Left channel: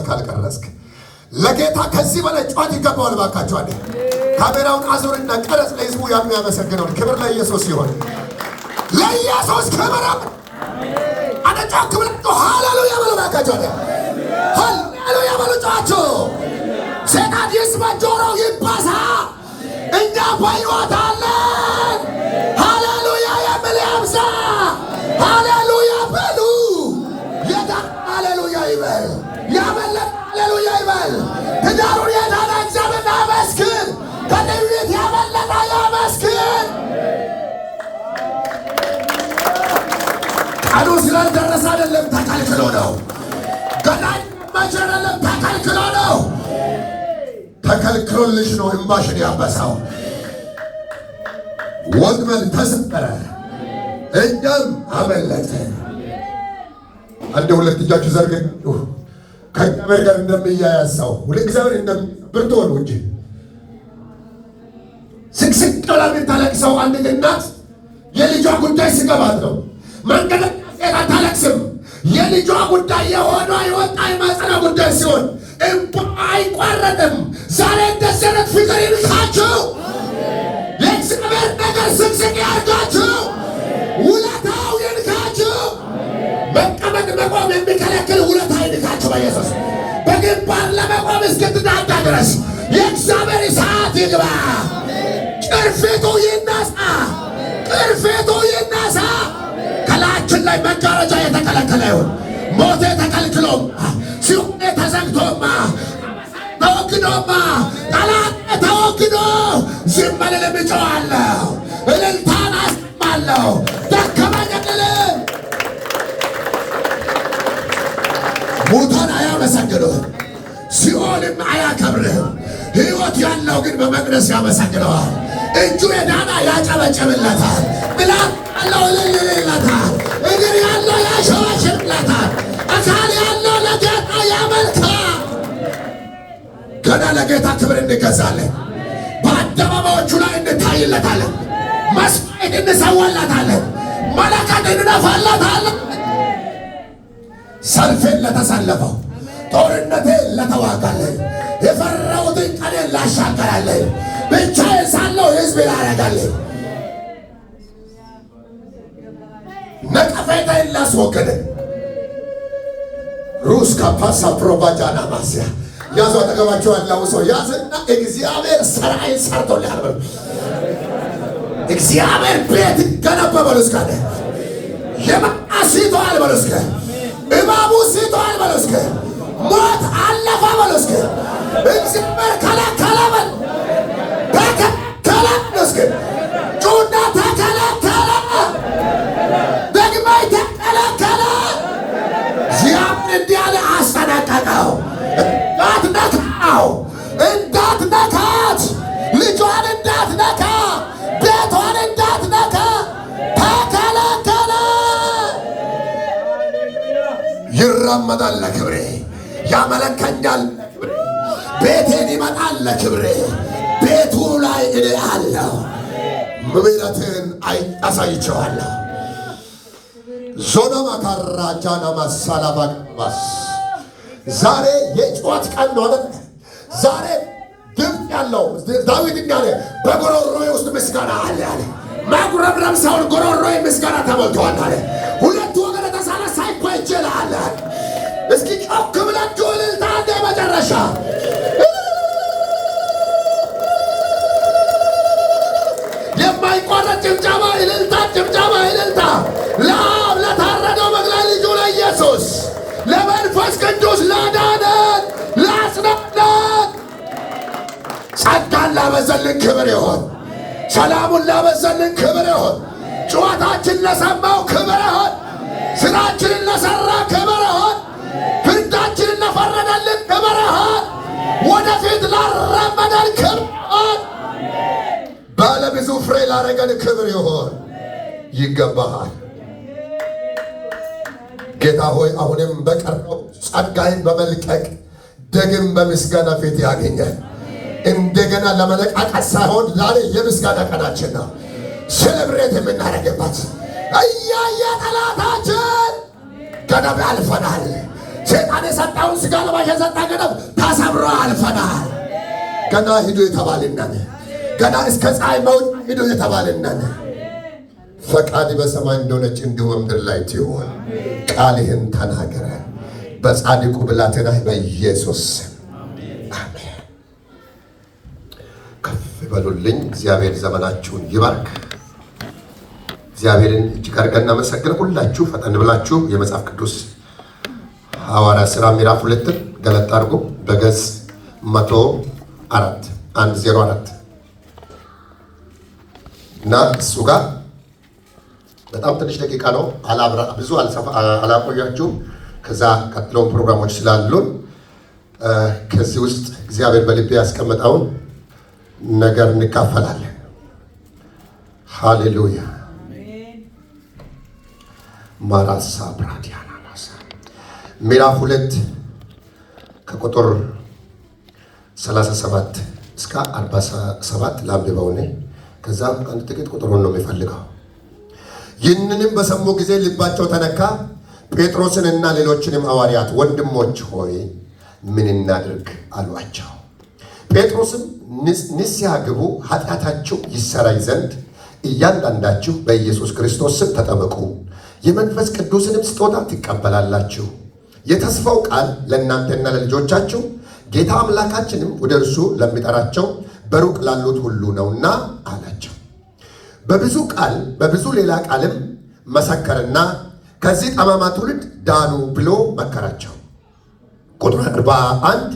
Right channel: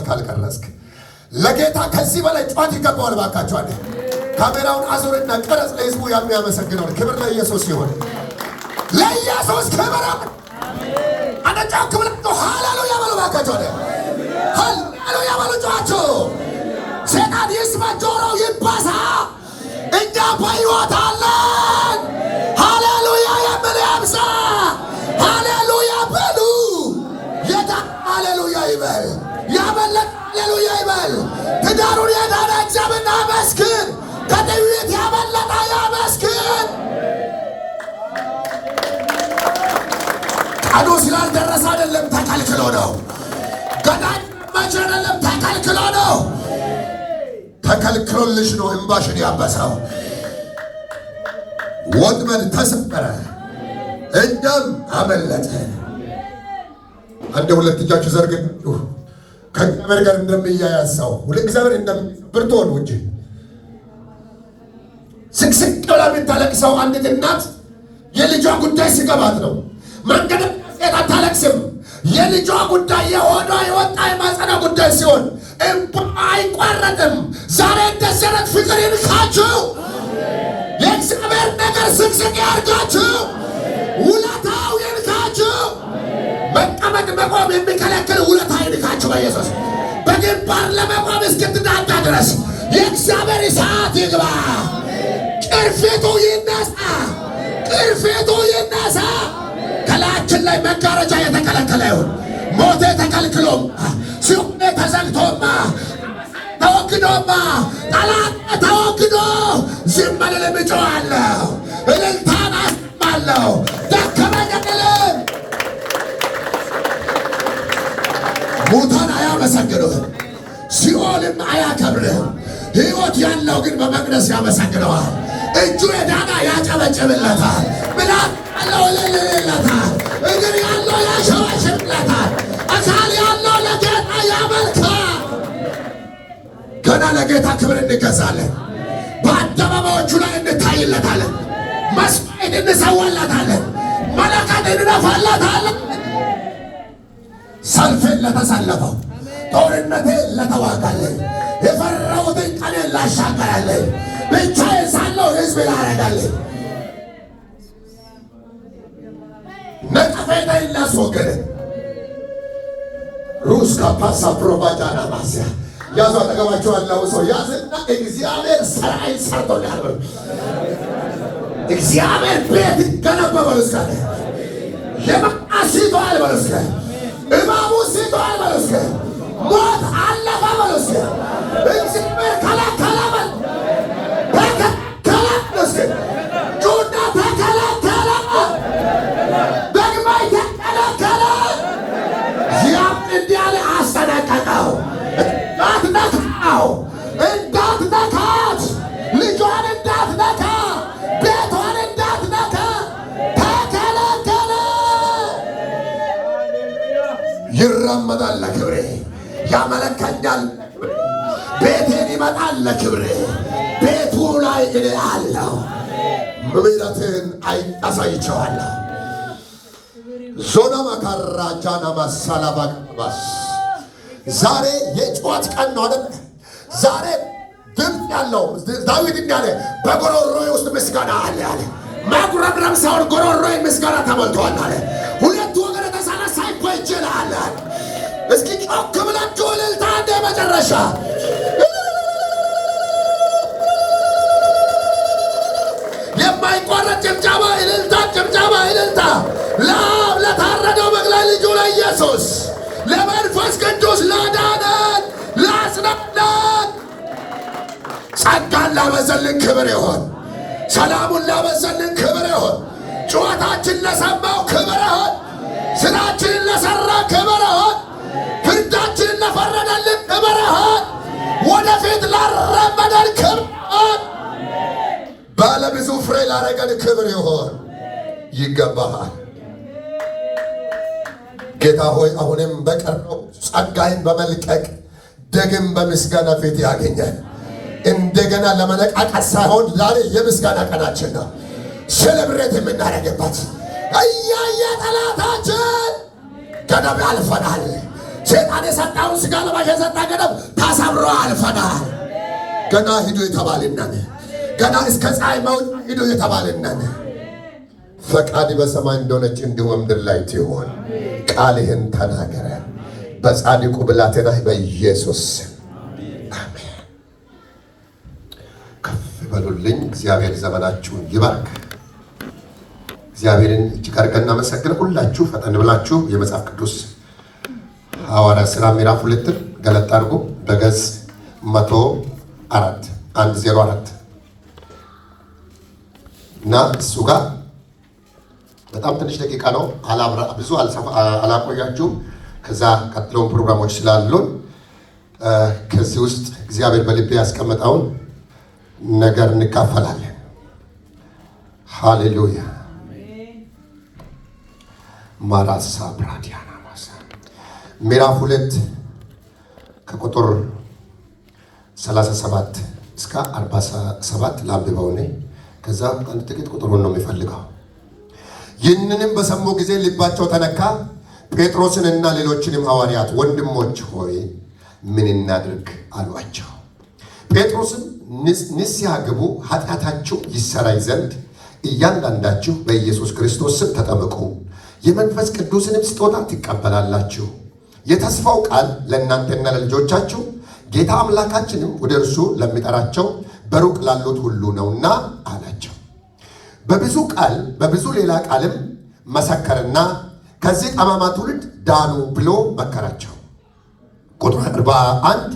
ጩኸት ካልቀረስክ ለጌታ ከዚህ በላይ ጩኸት ይገባዋል። ባካችሁ አለ ካሜራውን አዙርና ቀረጽ። ለህዝቡ የሚያመሰግነውን ክብር ለኢየሱስ ይሁን። ለኢየሱስ ክብር አነጫው ክብር ሃሌሉያ በሉ። ባካችሁ አለ ሃሌሉያ በሉ። ጩኻችሁ ሰይጣን ይስማ፣ ጆሮው ይባሳ። እኛ በሕይወት አለን። ሃሌሉያ የሚል ያብዛ። ሃሌሉያ በሉ። የዳ ሃሌሉያ ይበል። ያመለጠ ሃሌሉያ ይበል። ትዳሩን የዳነ እግዚአብሔር ያመስግን። ከነቢያት ያመለጠ ያመስግን። ቀኑ ስላልደረሰ አይደለም፣ ተከልክሎ ነው። ገና መቼ አይደለም፣ ተከልክሎ ነው። ተከልክሎልሽ ነው እንባሽን ያበሳው። ወጥመድ ተሰበረ፣ እንደም አመለጠ። አንድ ሁለት እጃችሁ ዘርግን። ከእግዚአብሔር ጋር እንደሚያያዝ ሰው ወደ እግዚአብሔር እንደምብርቶ ነው እንጂ ስቅስቅ ብላ የምታለቅሰው አንዲት እናት የልጇ ጉዳይ ሲገባት ነው። መንገድ ሴት አታለቅስም። የልጇ ጉዳይ የሆነ የወጣ የማጸና ጉዳይ ሲሆን እንባ አይቋረጥም። ዛሬ እንደዚህ ዓይነት ፍቅር ይንካችሁ። የእግዚአብሔር ነገር ስቅስቅ ያርጋችሁ። ውለታው ይንካችሁ። መቀመጥ መቆም የሚከለክል ውለታ ይንካችሁ በኢየሱስ። በግንባር ለመቆም እስክትዳዳ ድረስ የእግዚአብሔር እሳት ይግባ። ቅርፊቱ ይነሳ፣ ቅርፊቱ ይነሳ። ከላያችን ላይ መጋረጃ የተከለከለ ይሁን። ሞቴ ተከልክሎም፣ ሲኦል ተዘግቶማ፣ ተወግዶማ፣ ጠላት ተወግዶ ዝም አልልም፣ እጮኻለሁ፣ እልልታን አሰማለሁ። ደከመኝ አልልም። ሙታን አያመሰግኑህም፣ ሲኦልም አያከብርህም። ሕይወት ያለው ግን በመቅደስ ያመሰግነዋል። እጁ የዳና ያጨበጭብለታል። ምላስ ያለው እልልለታል። እግር ያለው ያሸበሽብለታል። አካል ያለው ለጌታ ያመልካል። ገና ለጌታ ክብር እንገዛለን። በአደባባዮቹ ላይ እንታይለታለን። መስዋዕት እንሰዋላታለን። መለከት እንነፋላታለን። ሰልፌን ለተሰለፈው፣ ጦርነቴን ለተዋጋለን፣ የፈራሁትን ቀኔን ላሻገራለን፣ ብቻዬን ሳለሁ ሕዝብ ላረጋለን፣ ነቀፌታዬን ላስወግድን። ሩስ ካፓሳ ፕሮቫጃና ማስያ ያዙ። አጠገባቸው ያለው ሰው ያዝና እግዚአብሔር ሥራዬን ሰርቶልኛል በሉ። እግዚአብሔር ቤት ገነባ በሉ። እስከ የመጣ ሲቶአል በሉ። እስከ እባቡ ሲቶአል በሉ። እስከ ሞት አለፈ በሉ። እስከ እግዚአብሔር ከለከለ በሉ። ተከለከለ በሉ። እስከ ጩና ተከለከለ፣ ደግማይ ተከለከለ። እግዚአብሔር እንዲህ አለ፣ አስጠነቀቀው። እንዳትነካው፣ እንዳትነካት፣ ልጇን እንዳትነካ፣ ቤቷን እንዳትነካ ተከለከለ። ይራመዳል ለክብሬ፣ ያመለከኛል፣ ቤቴን ይመጣል ለክብሬ። ቤቱ ላይ እኔ አለሁ፣ ምሕረትን አሳይቼዋለሁ። ዞና ማካራጃና ማሳላባባስ ዛሬ የጩኸት ቀን ነው አይደል? ዛሬ ድምፅ ያለው ዳዊት እንዳለ በጎሮሮዬ ውስጥ ምስጋና አለ አለ። ማጉረምረም ሳይሆን ጎሮሮዬ ምስጋና ተሞልቷል አለ። ሁለቱ ወገን የተሳለ ሳይኮ ይችላል። እስኪ ጮክ ብላችሁ እልልታ እንደ መጨረሻ የማይቋረጥ ጭብጨባ፣ እልልታ፣ ጭብጨባ፣ እልልታ ለአብ ለታረደው በግ ለልጁ ለኢየሱስ ለመንፈስ ቅዱስ ላዳነን ላጽናናን ጸጋን ላበዘልን ክብር ይሆን። ሰላሙን ላበዘልን ክብር ይሆን። ጩኸታችን ለሰማው ክብር ይሆን። ስራችንን ለሠራ ክብር ይሆን። ፍርዳችንን ለፈረደልን ክብር ይሆን። ወደፊት ላራመደን ክብር ይሆን። ባለ ብዙ ፍሬ ላረገን ክብር ይሆን። ይገባሃል ጌታ ሆይ። አሁንም በቀረው ጸጋይን በመልቀቅ ደግም በምስጋና ፊት ያገኛል። እንደገና ለመነቃቃት ሳይሆን ዛሬ የምስጋና ቀናችን ነው። ሴሌብሬት የምናደርግበት እያየ ጠላታችን ገደብ አልፈናል። ሰይጣን የሰጣውን ሥጋ ለባሽ የሰጣ ገደብ ተሰብሮ አልፈናል። ገና ሂዱ የተባልና ገና እስከ ፀሐይ መውጫ ሂዱ የተባልና ፈቃድ በሰማይ እንደሆነች እንዲሁ በምድር ላይ ትሁን። ቃልህን ተናገረ በጻድቁ ብላቴና በኢየሱስ አሜን። ከፍ በሉልኝ። እግዚአብሔር ዘመናችሁን ይባርክ። እግዚአብሔርን እጅግ አድርገን እናመሰግን። ሁላችሁ ፈጠን ብላችሁ የመጽሐፍ ቅዱስ ሐዋርያት ሥራ ምዕራፍ 2 ገለጥ አድርጉ። በገጽ 104 እና እሱ ጋር በጣም ትንሽ ደቂቃ ነው። ብዙ አላቆያችሁም። ከዛ ቀጥለውን ፕሮግራሞች ስላሉን ከዚህ ውስጥ እግዚአብሔር በልቤ ያስቀመጠውን ነገር እንካፈላለን። ሃሌሉያ። ማራሳ ብራዲያና ማሳ ምዕራፍ 2 ከቁጥር 37 እስከ 47 ላንብበው። ከዛ አንድ ጥቂት ቁጥሩን ነው የሚፈልገው። ይህንንም በሰሙ ጊዜ ልባቸው ተነካ። ጴጥሮስንና ሌሎችንም ሐዋርያት ወንድሞች ሆይ ምን እናድርግ አሏቸው። ጴጥሮስም ንስሐ ግቡ፣ ኃጢአታችሁ ይሰረይ ዘንድ እያንዳንዳችሁ በኢየሱስ ክርስቶስ ስም ተጠመቁ፣ የመንፈስ ቅዱስንም ስጦታ ትቀበላላችሁ። የተስፋው ቃል ለእናንተና ለልጆቻችሁ ጌታ አምላካችንም ወደ እርሱ ለሚጠራቸው በሩቅ ላሉት ሁሉ ነውና አላቸው። በብዙ ሌላ ቃልም መሰከረና ከዚህ ጠማማ ትውልድ ዳኑ ብሎ መከራቸው። ቁጥር 41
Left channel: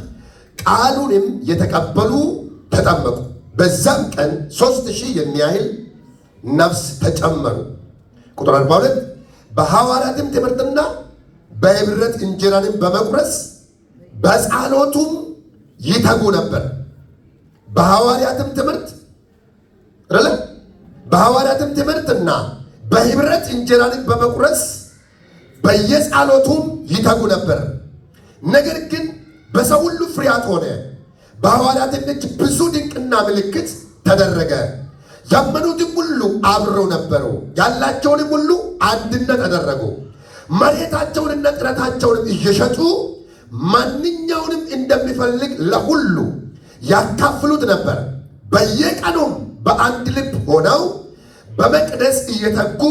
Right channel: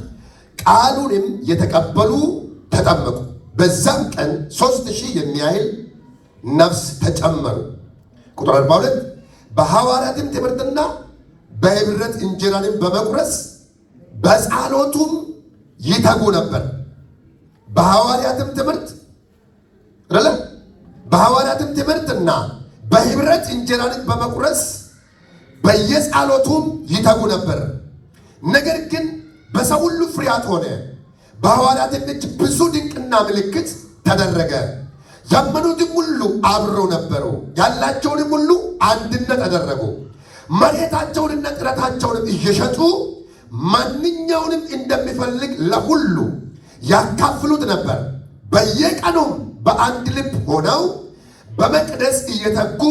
ቃሉንም የተቀበሉ ተጠመቁ። በዛም ቀን 3000 የሚያህል ነፍስ ተጨመሩ። ቁጥር 42 በሐዋርያትም ትምህርትና በኅብረት እንጀራንም በመቁረስ በጸሎቱም ይተጉ ነበር። በሐዋርያትም ትምህርትና በኅብረት እንጀራንም በመቁረስ በየጸሎቱም ይተጉ ነበር። ነገር ግን በሰው ሁሉ ፍርሃት ሆነ። በሐዋርያትም እጅ ብዙ ድንቅና ምልክት ተደረገ። ያመኑትም ሁሉ አብረው ነበሩ። ያላቸውንም ሁሉ አንድነት አደረጉ። መሬታቸውንና ጥረታቸውንም እየሸጡ ማንኛውንም እንደሚፈልግ ለሁሉ ያካፍሉት ነበር። በየቀኑም በአንድ ልብ ሆነው በመቅደስ እየተጉ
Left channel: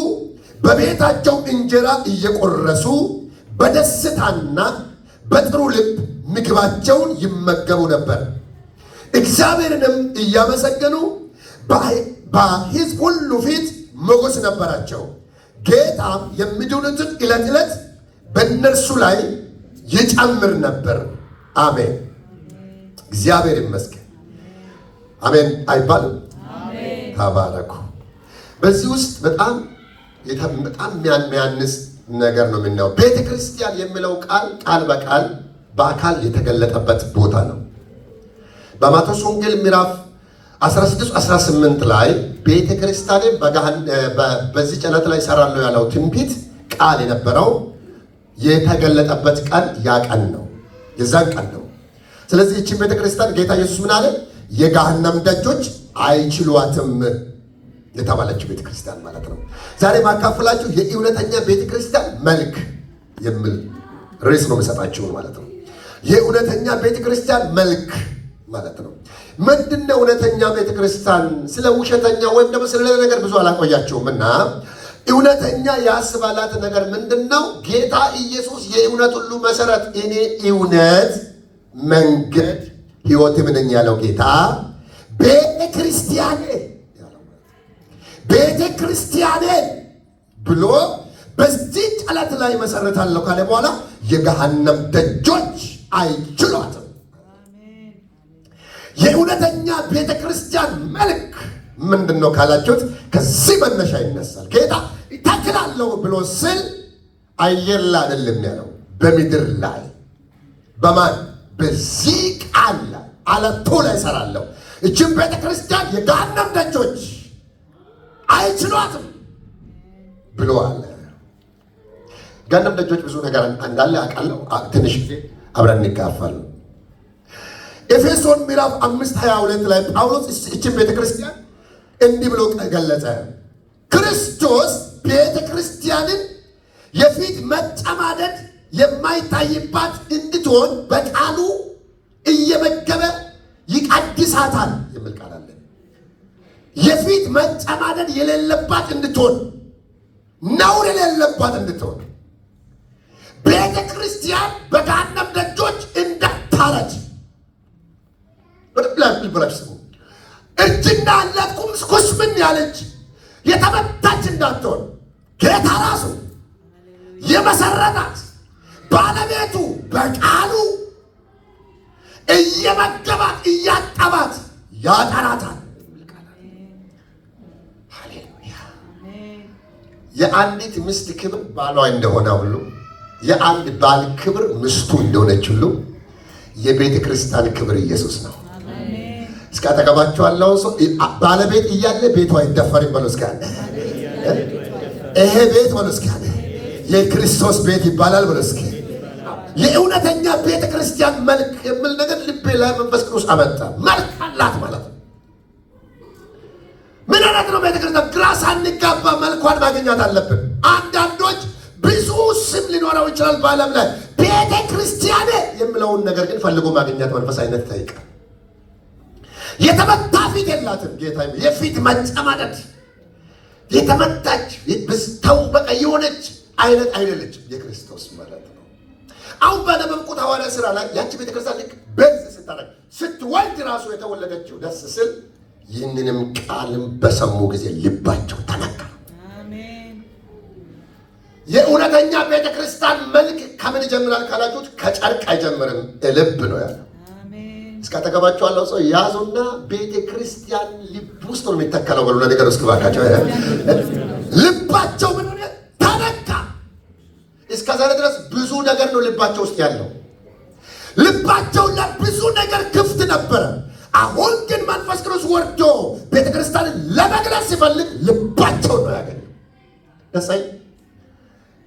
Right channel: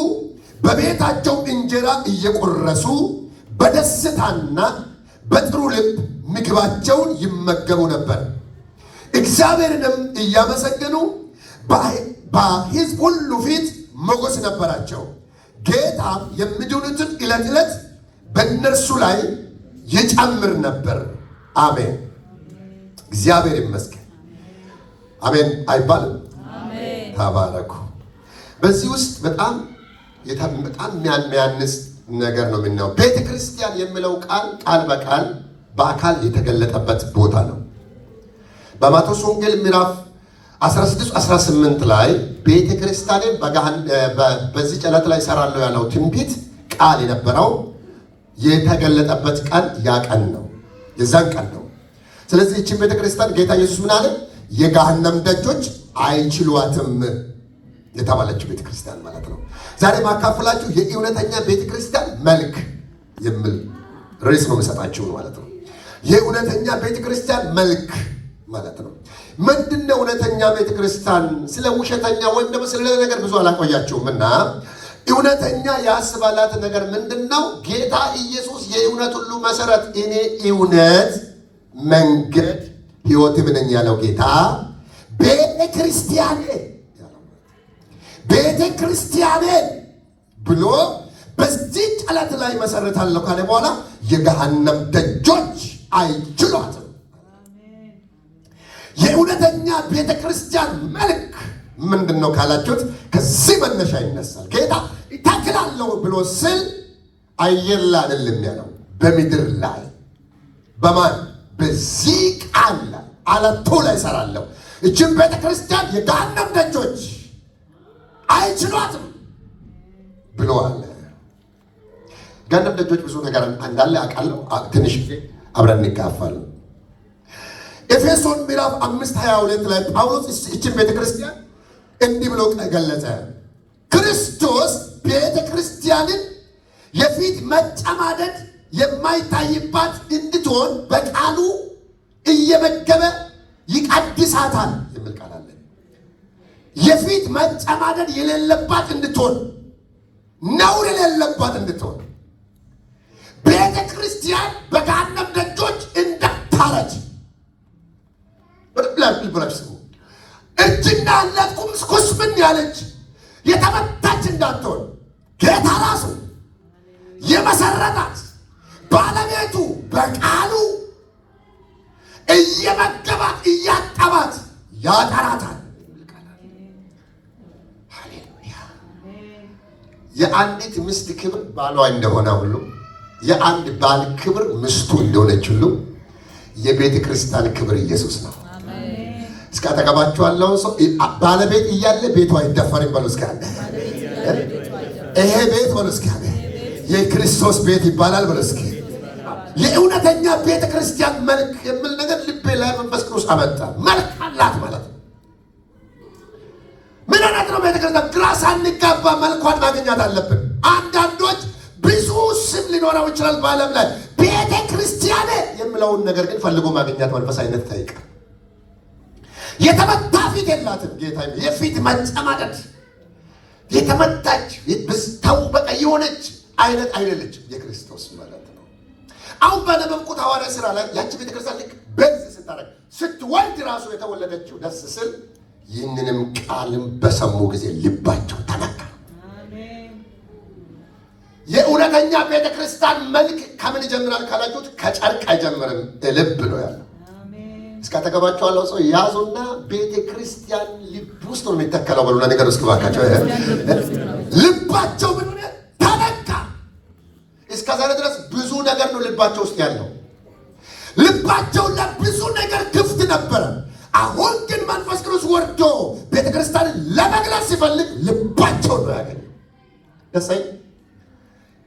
በቤታቸው እንጀራ እየቆረሱ በደስታና በጥሩ ልብ ምግባቸውን ይመገቡ ነበር። እግዚአብሔርንም እያመሰገኑ በሕዝብ ሁሉ ፊት ሞገስ ነበራቸው። ጌታም የሚድኑትን ዕለት ዕለት በእነርሱ ላይ ይጨምር ነበር። አሜን። እግዚአብሔር ይመስገን። አሜን አይባልም? ተባረኩ። በዚህ ውስጥ በጣም የሚያንስ ነገር ነው የምናየው። ቤተ ክርስቲያን የሚለው ቃል በቃል በአካል የተገለጠበት ቦታ ነው። በማቴዎስ ወንጌል ምዕራፍ 16-18 ላይ ቤተ ክርስቲያንን በዚህ ጨለት ላይ እሰራለሁ ያለው ትንቢት ቃል የነበረው የተገለጠበት ቀን ያ ቀን ነው፣ የዛን ቀን ነው። ስለዚህ ይህችን ቤተ ክርስቲያን ጌታ ኢየሱስ ምን አለ? የገሃነም ደጆች አይችሏትም የተባለችው ቤተ ክርስቲያን ማለት ነው። ዛሬ ማካፈላችሁ የእውነተኛ ቤተ ክርስቲያን መልክ የሚል ርዕስ ነው የምሰጣችሁ ማለት ነው። የእውነተኛ ቤተ ክርስቲያን መልክ ማለት ነው። ምንድነው እውነተኛ ቤተ ክርስቲያን? ስለ ውሸተኛ ወይም ደግሞ ስለ ነገር ብዙ አላቆያችሁም እና እውነተኛ ያስባላት ነገር ምንድነው? ጌታ ኢየሱስ የእውነት ሁሉ መሰረት፣ እኔ እውነት፣ መንገድ፣ ሕይወትም ነኝ ያለው ጌታ ቤተ ክርስቲያኔ ብሎ በዚህ ጨለት ላይ መሰረታለሁ ካለ በኋላ የገሃነም ደጆች አይችሏትም። የእውነተኛ ቤተ ክርስቲያን መልክ ምንድን ነው ካላችሁት፣ ከዚህ መነሻ ይነሳል። ጌታ ይተክላለሁ ብሎ ስል አየር ላይ አይደለም ያለው፣ በምድር ላይ በማን በዚህ ቃል ላይ አለቱ ላይ እሰራለሁ። እችን ቤተ ክርስቲያን የገሃነም ደጆች አይችሏትም ብለዋል። ገሃነም ደጆች ብዙ ነገር እንዳለ አውቃለሁ። ትንሽ ጊዜ አብረን እንካፈላለን። ኤፌሶን ምዕራፍ 5:22 ላይ ጳውሎስ እችን ቤተ ክርስቲያን እንዲህ ብሎ ገለጸ። ክርስቶስ ቤተ ክርስቲያንን የፊት መጨማደድ የማይታይባት እንድትሆን በቃሉ እየመገበ ይቀድሳታል የሚል ቃል አለ። የፊት መጨማደድ የሌለባት እንድትሆን፣ ነውር የሌለባት እንድትሆን ቤተ ክርስቲያን በገሃነም ደጆች እንዳታረጅ ብላችሁ ስሙ። እጅና እለት ኩስምን ያለች የተመታች እንዳትሆን ጌታ ራሱ የመሰረታት ባለቤቱ በቃሉ እየመገባት እያጠባት ያጠራታል። ሃሌሉያ! የአንዲት ሚስት ክብር ባሏ እንደሆነ ሁሉ የአንድ ባል ክብር ሚስቱ እንደሆነች ሁሉ የቤተ ክርስቲያን ክብር ኢየሱስ ነው። እስከ አጠገባችሁ ያለው ሰው ባለቤት እያለ ቤቷ አይደፈርም በሉ። እስከ ይሄ ቤት በሉ እስከ የክርስቶስ ቤት ይባላል በሉ። እስከ የእውነተኛ ቤተ ክርስቲያን መልክ የሚል ነገር ልቤ ላይ መንፈስ ቅዱስ አመጣ። መልክ አላት ማለት ነው። ምን አይነት ነው ቤተ ክርስቲያን? ግራ ሳንጋባ መልኳን ማግኘት አለብን። አንዳንዶች ብዙ ስም ሊኖረው ይችላል በዓለም ላይ ቤተ ክርስቲያን የሚለውን ነገር ግን ፈልጎ ማግኘት መንፈሳዊነት ይጠይቃል። የተመታ ፊት የላትም ጌታ። የፊት መጨማደድ የተመታች ብስተው በቃ የሆነች አይነት አይደለችም የክርስቶስ ማለት ነው። አሁን በነበብኩት ሐዋርያ ሥራ ላይ ያቺ ቤተክርስቲያን ልክ በዝ ስታረግ ስትወልድ ራሱ የተወለደችው ደስ ስል ይህንንም ቃልም በሰሙ ጊዜ ልባቸው ተነካ። የእውነተኛ ቤተክርስቲያን መልክ ከምን ይጀምራል ካላችሁት ከጨርቅ አይጀምርም፣ ልብ ነው ያለው። እስከ አጠገባችሁ ያለው ሰው ያዙና ቤተ ክርስቲያን ልብ ውስጥ ነው የሚተከለው በሉና ነገር እስኪ ባካቸው ልባቸው ምን ሆነ ተነካ። እስከ ዛሬ ድረስ ብዙ ነገር ነው ልባቸው ውስጥ ያለው። ልባቸው ለብዙ ነገር ክፍት ነበረ። አሁን ግን መንፈስ ቅዱስ ወርዶ ቤተ ክርስቲያንን ለመግለጽ ሲፈልግ ልባቸው ነው ያገኘው። ደሳይ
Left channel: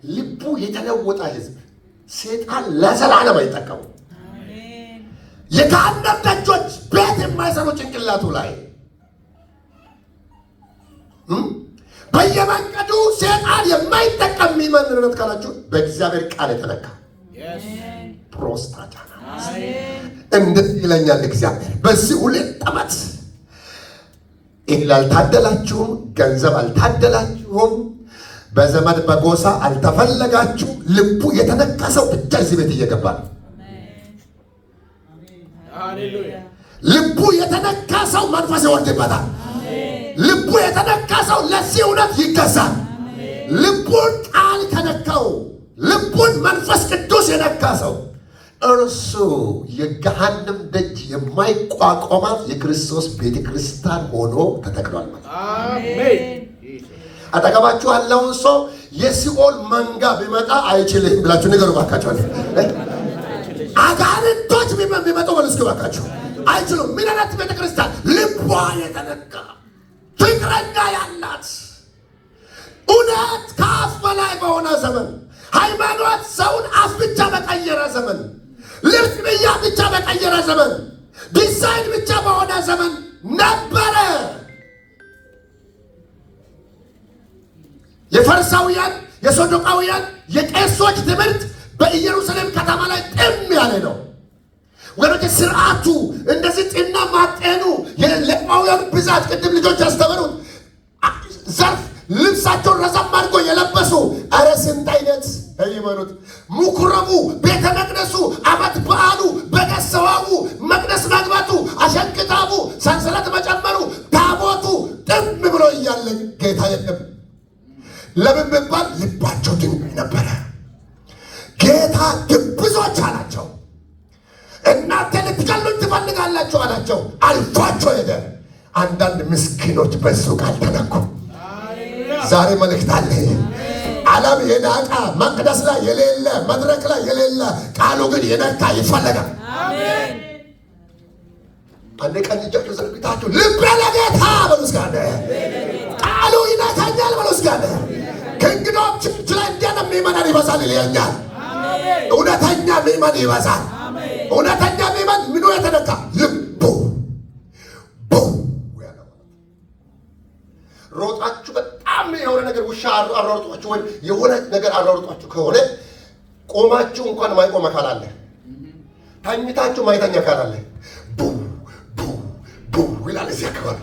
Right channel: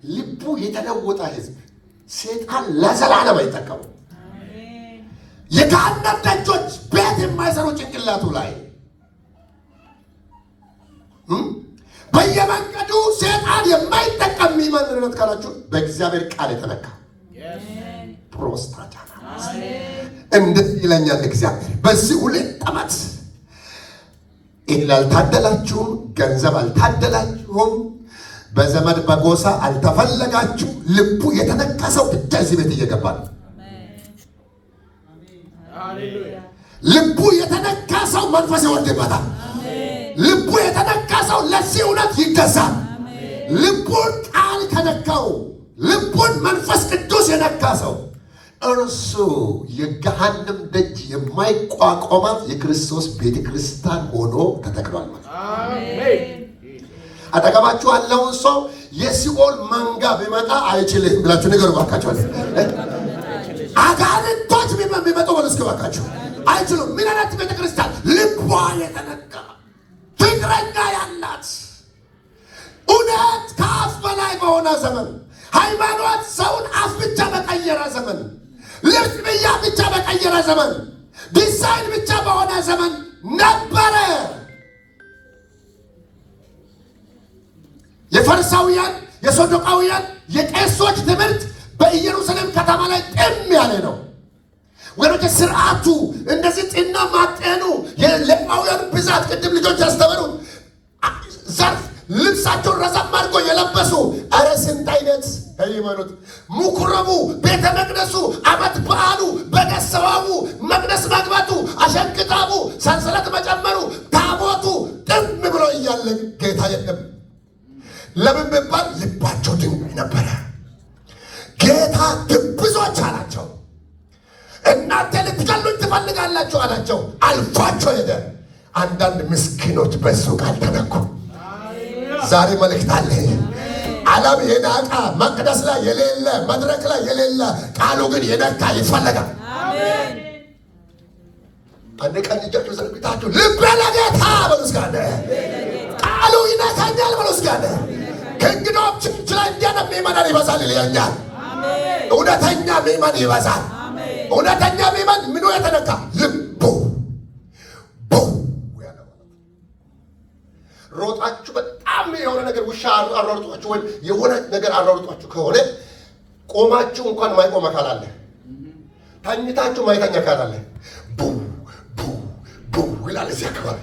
ልቡ የተለወጠ ህዝብ ሰይጣን ለዘላለም አይጠቀሙ። የገሃነም ደጆች ቤት የማይሰሩ ጭንቅላቱ ላይ በየመንገዱ ሰይጣን የማይጠቀም የሚመንነት ካላችሁ በእግዚአብሔር ቃል የተነካ ፕሮስታጃና እንደዚህ ይለኛል እግዚአብሔር። በዚህ 2 ዓመት እህል አልታደላችሁም፣ ገንዘብ አልታደላችሁም፣ በዘመድ በጎሳ አልተፈለጋችሁ። ልቡ የተነካ ሰው ብቻ እዚህ ቤት እየገባ ነው። ልቡ የተነካ ሰው መንፈስ ይወርድበታል። ልቡ የተነካ ሰው ለዚህ እውነት ይገዛል። ልቡን ቃል ከነካው፣ ልቡን መንፈስ ቅዱስ የነካ ሰው እርሱ የገሃነም ደጅ የማይቋቋማት የክርስቶስ ቤተ ክርስቲያን ሆኖ ተተክሏል ማለት ነው። አጠገባችሁ ያለውን ሰው የሲኦል መንጋ ቢመጣ አይችልም ብላችሁ ንገሩ ባካችሁ። አጋንንቶች ቢመጡ በሉ እስኪ ባካችሁ አይችሉም። ምን አይነት ቤተ ክርስቲያን? ልቧ የተነካ ፍቅረኛ ያላት እውነት ከአፍ በላይ በሆነ ዘመን፣ ሃይማኖት ሰውን አፍ ብቻ በቀየረ ዘመን፣ ልብስ ብያ ብቻ በቀየረ ዘመን፣ ዲዛይን ብቻ በሆነ ዘመን ነበረ። የፈሪሳውያን የሰዱቃውያን የቄሶች ትምህርት በኢየሩሳሌም ከተማ ላይ ጥም ያለ ነው። ወደ ስርዓቱ እንደዚህ ጤና ማጤኑ የሌዋውያን ብዛት ቅድም ልጆች ያስተምሩ ዘርፍ ልብሳቸውን ረዘም አድርጎ የለበሱ አረ ስንት አይነት ሃይማኖት! ምኩራቡ፣ ቤተ መቅደሱ፣ ዓመት በዓሉ፣ በደሰዋቡ፣ መቅደስ መግባቱ፣ አሸንክታቡ፣ ሰንሰለት መጨመሩ፣ ታቦቱ ጥም ብሎ እያለ ጌታ የለም። ለምን ቢባል ልባቸው ድንጋይ ነበረ። ጌታ ግብዞች አላቸው። እናንተ ልትገሉኝ ትፈልጋላችሁ አላቸው። አልፏቸው ሄደ። አንዳንድ ምስኪኖች በሱ ቃል ተነኩ። ዛሬ መልእክት አለ። ዓለም የናቃ መቅደስ ላይ የሌለ መድረክ ላይ የሌለ ቃሉ ግን የነካ ይፈለጋል። አሜን። አንዴ ቀን ልጃችሁ ዘርግታችሁ ልቤ ለጌታ በሉ እስኪ አንዴ ቃሉ ይነካኛል በሉ እስኪ አንዴ። ከእንግዶች ችርች ላይ እንደንም ምእመናን ይበዛል ይለኛል። እውነተኛ ምእመን ይበዛል። እውነተኛ ምእመን ምኑ የተነካ ልቡ ሮጣችሁ በጣም የሆነ ነገር ውሻ አሯርጧችሁ ወይም የሆነ ነገር አሯርጧችሁ ከሆነ ቆማችሁ እንኳን ማይቆም አካል አለ። ታኝታችሁ ማይተኛ አካል አለ። ቡ ቡ ቡ ይላል እዚህ አካባቢ።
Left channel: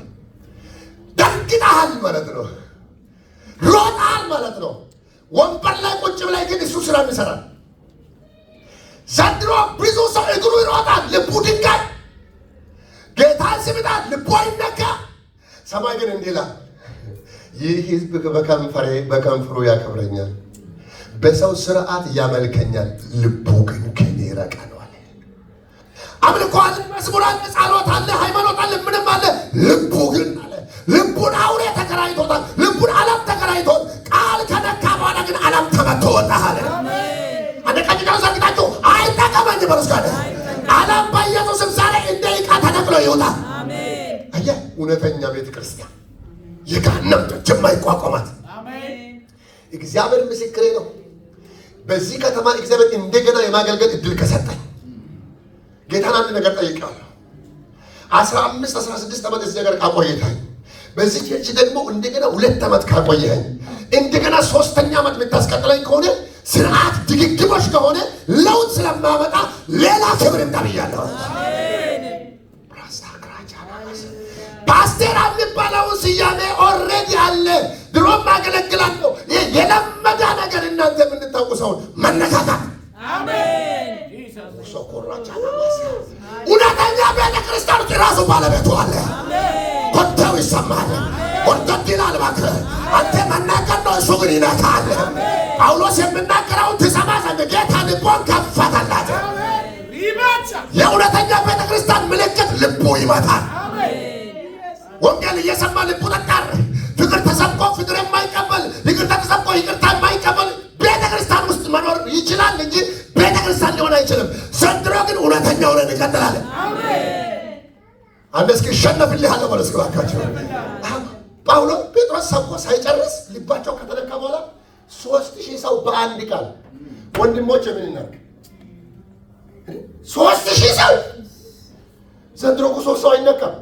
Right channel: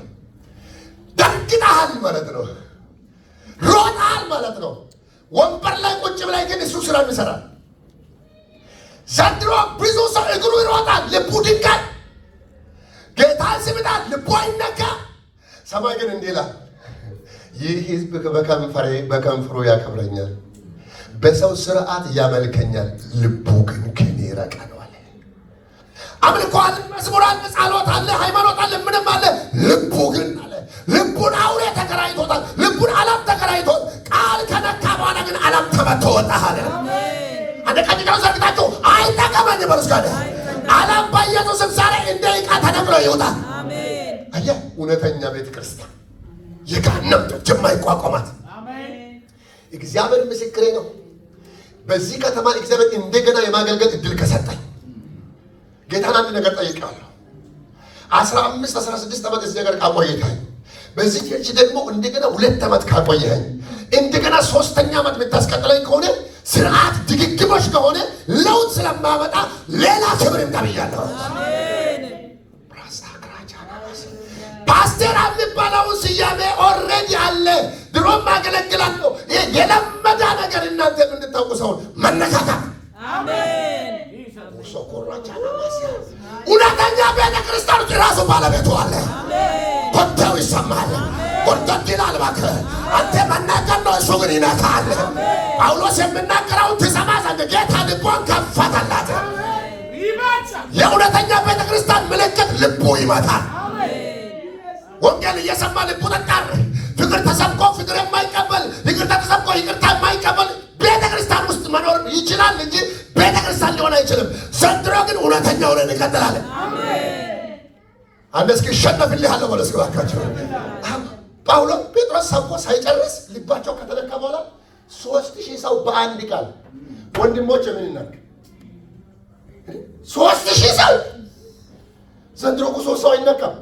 ደንግጠሃል ማለት ነው። ሮጣል ማለት ነው። ወንበር ላይ ቁጭ ብላይ ግን እሱ ስራ ይሰራል። ዘንድሮ ብዙ ሰው እግሩ ይሮጣል፣ ልቡ ድንጋይ። ጌታን ስምጣል፣ ልቡ አይነካ። ሰማይ ግን እንዲህ ይላል፣ ይህ ሕዝብ በከንፈሩ ያከብረኛል፣ በሰው ስርዓት ያመልከኛል፣ ልቡ ግን ከኔ ራቀ ነው አለ። አምልኮ አለ፣ መዝሙር አለ፣ ጸሎት አለ፣ ሃይማኖት አለ፣ ምንም አለ። ልቡ ግን አለ፣ ልቡን አውሬ ተከራይቶታል። ልቡን ዓለም ተከራይቶት ቃል ከነካ በኋላ ግን ዓለም ተመቶ ወጣ አለ። አንደቀኛው ዘግታችሁ አይጠቀመኝ በርስጋደ ዓለም በኢየሱስ ዛሬ እንደ ዕቃ ተነቅሎ ይወጣ። አሜን። አየህ፣ እውነተኛ ቤተ ክርስቲያን የገሃነም ደጅ የማይቋቋማት እግዚአብሔር ምስክሬ ነው። በዚህ ከተማ እግዚአብሔር እንደገና የማገልገል እድል ከሰጠኝ ጌታን አንድ ነገር ጠይቄዋለሁ። 15-16 ዓመት እዚህ ነገር ካቆየኸኝ፣ በዚህ ቸርች ደግሞ እንደገና 2 ዓመት ካቆየኸኝ፣ እንደገና 3ኛ ዓመት የምታስቀጥለኝ ከሆነ ስርዓት ድግግሞሽ ከሆነ ለውጥ ስለማመጣ ሌላ ክብር እንዳብያለሁ። አሜን። ፓስተር የሚባለው ስያሜ ኦልሬዲ አለ። ድሮም አገለግላለሁ። ይሄ የለመደ ነገር እናንተ የምንታውቁ ሰውን መነካካት። አሜን። እውነተኛ ቤተ ክርስቲያን ራሱ ባለቤቱ አለ። ኮቴው ይሰማል። ወርደት ይላል። እባክህ አንተ መናገር ነው፣ እሱ ግን ይነካል። ጳውሎስ የሚናገረውን ትሰማ ዘንድ ጌታ ልቧን ከፈተላት። የእውነተኛ ቤተ ክርስቲያን ምልክት ልቡ ይመታል። ወንጌል እየሰማ ልቡ ጠጣር። ፍቅር ተሰብኮ ፍቅር የማይቀበል፣ ይቅርታ ተሰብኮ ይቅርታ የማይቀበል ቤተ ክርስቲያን ውስጥ መኖር ይችላል እንጂ ቤተ ክርስቲያን ሊሆን አይችልም። ዘንድሮ ግን እውነተኛ ሆነን እንቀጥላለን። አንድ እስኪ ይሸነፍልሃለሁ በለው እስኪ እባካችሁ። ጳውሎስ ጴጥሮስ ሰብኮ ሳይጨርስ ልባቸው ከተነካ በኋላ 3000 ሰው በአንድ ቃል ወንድሞች ምን እናድርግ? 3000 ሰው ዘንድሮ እኮ 3 ሰው አይነካም።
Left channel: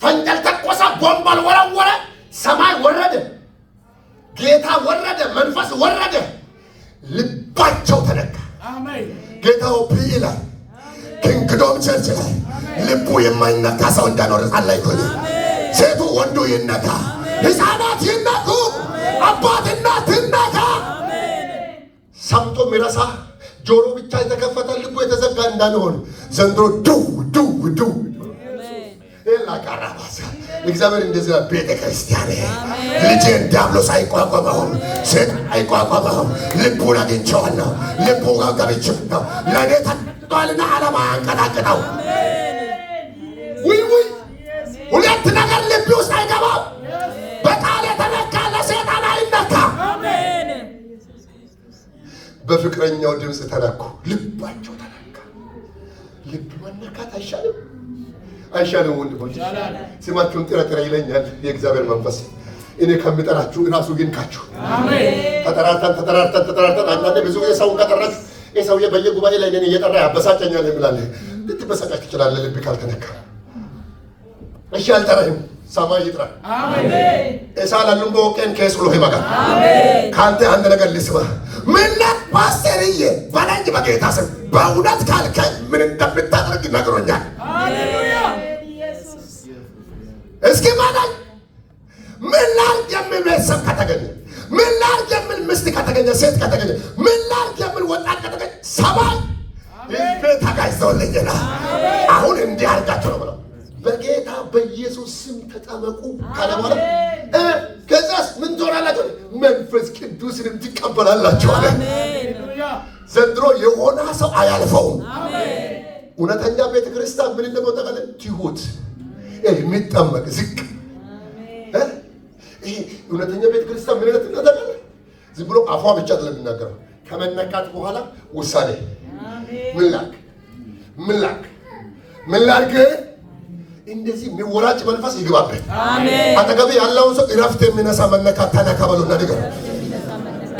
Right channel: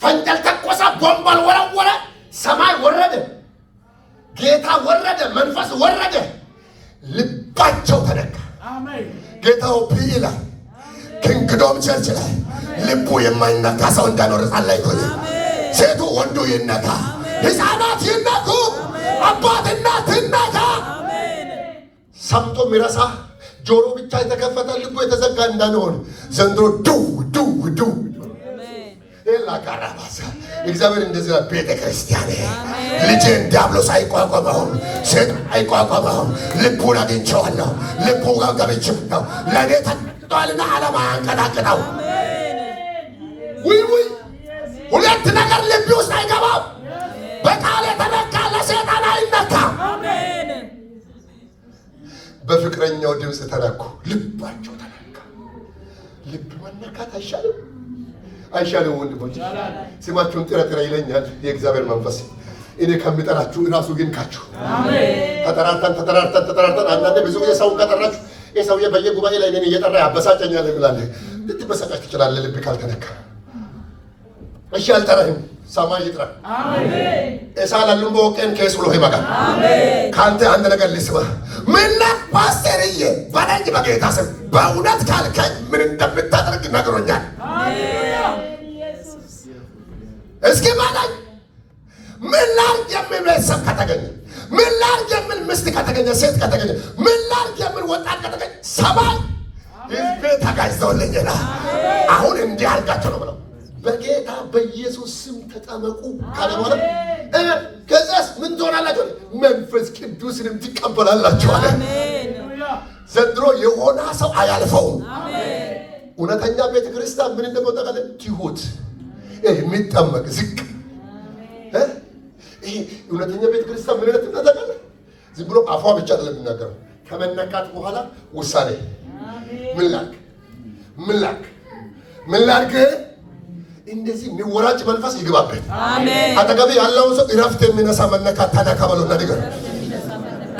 ፈንጀል ተቆሳ፣ ቦምባል ወረወረ፣ ሰማይ ወረደ፣ ጌታ ወረደ፣ መንፈስ ወረደ፣ ልባቸው ተነካ። ጌታው ፒኢ ላይ ኪንግዶም ቸርች ላይ ልቡ የማይነካ ሰው እንዳኖር ጸለይኩ። ሴቱ ወንዱ ይነካ፣ ሕፃናት ይነኩ፣ አባት እናት ይነካ። ሰምቶ ሚረሳ ጆሮ ብቻ የተከፈተ ልቡ የተዘጋ እንዳንሆን ዘንድሮ ዱው ዱው ዱው ላቃራባሳ እግዚአብሔር እንደዚህ ቤተ ክርስቲያን ልጄን ዲያብሎስ አይቋቋመውም፣ ሰይጣን አይቋቋመውም። ልቡን አግኝቼዋለሁ፣ ልቡ ጋር ገብቼዋለሁ። ለእኔ ተቀጥቷልና ዓለም አያንቀጣቅጠው። ውይ ሁለት ነገር ልብ ውስጥ አይገባም። በቃል የተነካ ለሰይጣን አይነካም። በፍቅረኛው ድምፅ ተነኩ፣ ልባቸው ተነካ። ልብ መነካት አይሻልም? አይሻልም? ወንድሞች ስማችሁን ጥረጥረ ይለኛል የእግዚአብሔር መንፈስ። እኔ ከምጠራችሁ እራሱ ግን ካችሁ ተጠራርተን አንዳንዴ ብዙ ጊዜ ሰውን ከጠራችሁ ይህ ሰውዬ በየጉባኤ ላይ እኔን እየጠራ ያበሳጨኛል ብላለህ። ልትበሳጫች ትችላለህ ልብ ካልተነካ። እሺ አልጠራህም፣ ሰማይ ይጥራ። እሳላሉም በወቄን ከስሎ ይመጣል። ከአንተ አንድ ነገር ልስማ። ምነት ፓስተርዬ በለኝ በጌታ ስም በእውነት ካልከኝ ምን እንደምታደርግ ነግሮኛል። እስኪ ማዳኝ ምን ላድርግ የሚል ቤተሰብ ከተገኘ፣ ምን ላድርግ የሚል ምስት ከተገኘ፣ ሴት ከተገኘ፣ ምን ላድርግ የሚል ወጣት ከተገኘ ሰማይ ህዝቤ ተጋይዘውልኝና አሁን እንዲህ አድርጋቸው ነው ብለው በጌታ በኢየሱስ ስም ተጠመቁ ካለ በኋላ ከዛስ ምን ትሆናላችሁ? መንፈስ ቅዱስንም ትቀበላላችሁ። አሜን። ዘንድሮ የሆነ ሰው አያልፈውም። አሜን። እውነተኛ ቤተ ክርስቲያን ምን እንደሞተቀለ ትሁት የሚጠመቅ ዝቅ ይሄ እውነተኛ ቤተ ክርስቲያን ምን እንደተጠቀለ ዝም ብሎ አፏ ብቻ አይደለም የሚናገረው። ከመነካት በኋላ ውሳኔ ምን ላድርግ እንደዚህ የሚወራጭ መንፈስ ይግባበት። አሜን። አጠገብ ያለውን ሰው እረፍት የሚነሳ መነካት ተነካበሉ ነገር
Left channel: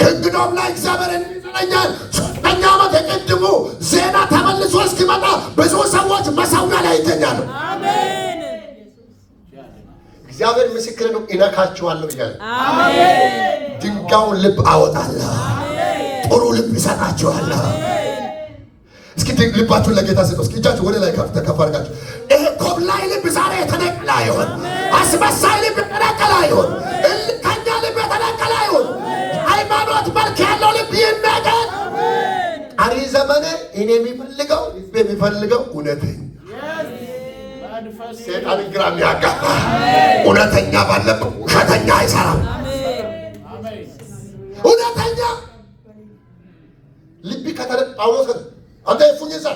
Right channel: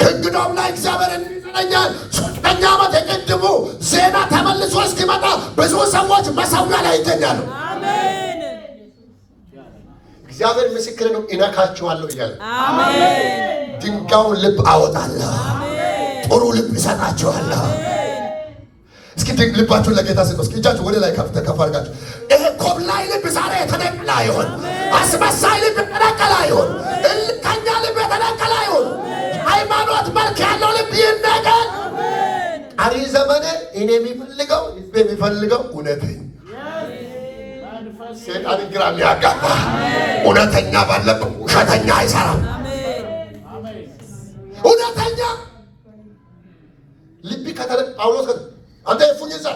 ከእንግዶም ላይ እግዚአብሔር እንዲዘኛል። 3ኛ ዓመት የቅድሙ ዜና ተመልሶ እስኪመጣ ብዙ ሰዎች መሰዊያ ላይ ይገኛሉ። አሜን። እግዚአብሔር ምስክር ነው። እነካችኋለሁ እያለ አሜን። ድንጋዩን ልብ አወጣለሁ። አሜን። ጥሩ ልብ ይሰጣችኋል። እስኪ ልባችሁን ለጌታ ስጡ። እስኪ እጃችሁ ወደ ላይ ከፍ አድርጋችሁ ይሄ ኮብላይ ልብ ዛሬ የተነቀለ ይሁን። አስመሳይ ልብ የተነቀለ ይሁን። እልከኛ ልብ የተነቀለ ይሁን። ሃይማኖት መልክ ያለው ልብ ይነቀል። ቀሪ ዘመኔ እኔ የሚፈልገው ልብ የሚፈልገው እውነተኛ ሴጣን ግራ የሚያጋባ እውነተኛ ባለበት ውሸተኛ አይሰራም። እውነተኛ ልብ ከተነቀለ ጳውሎስ አንተ የፉኝዛ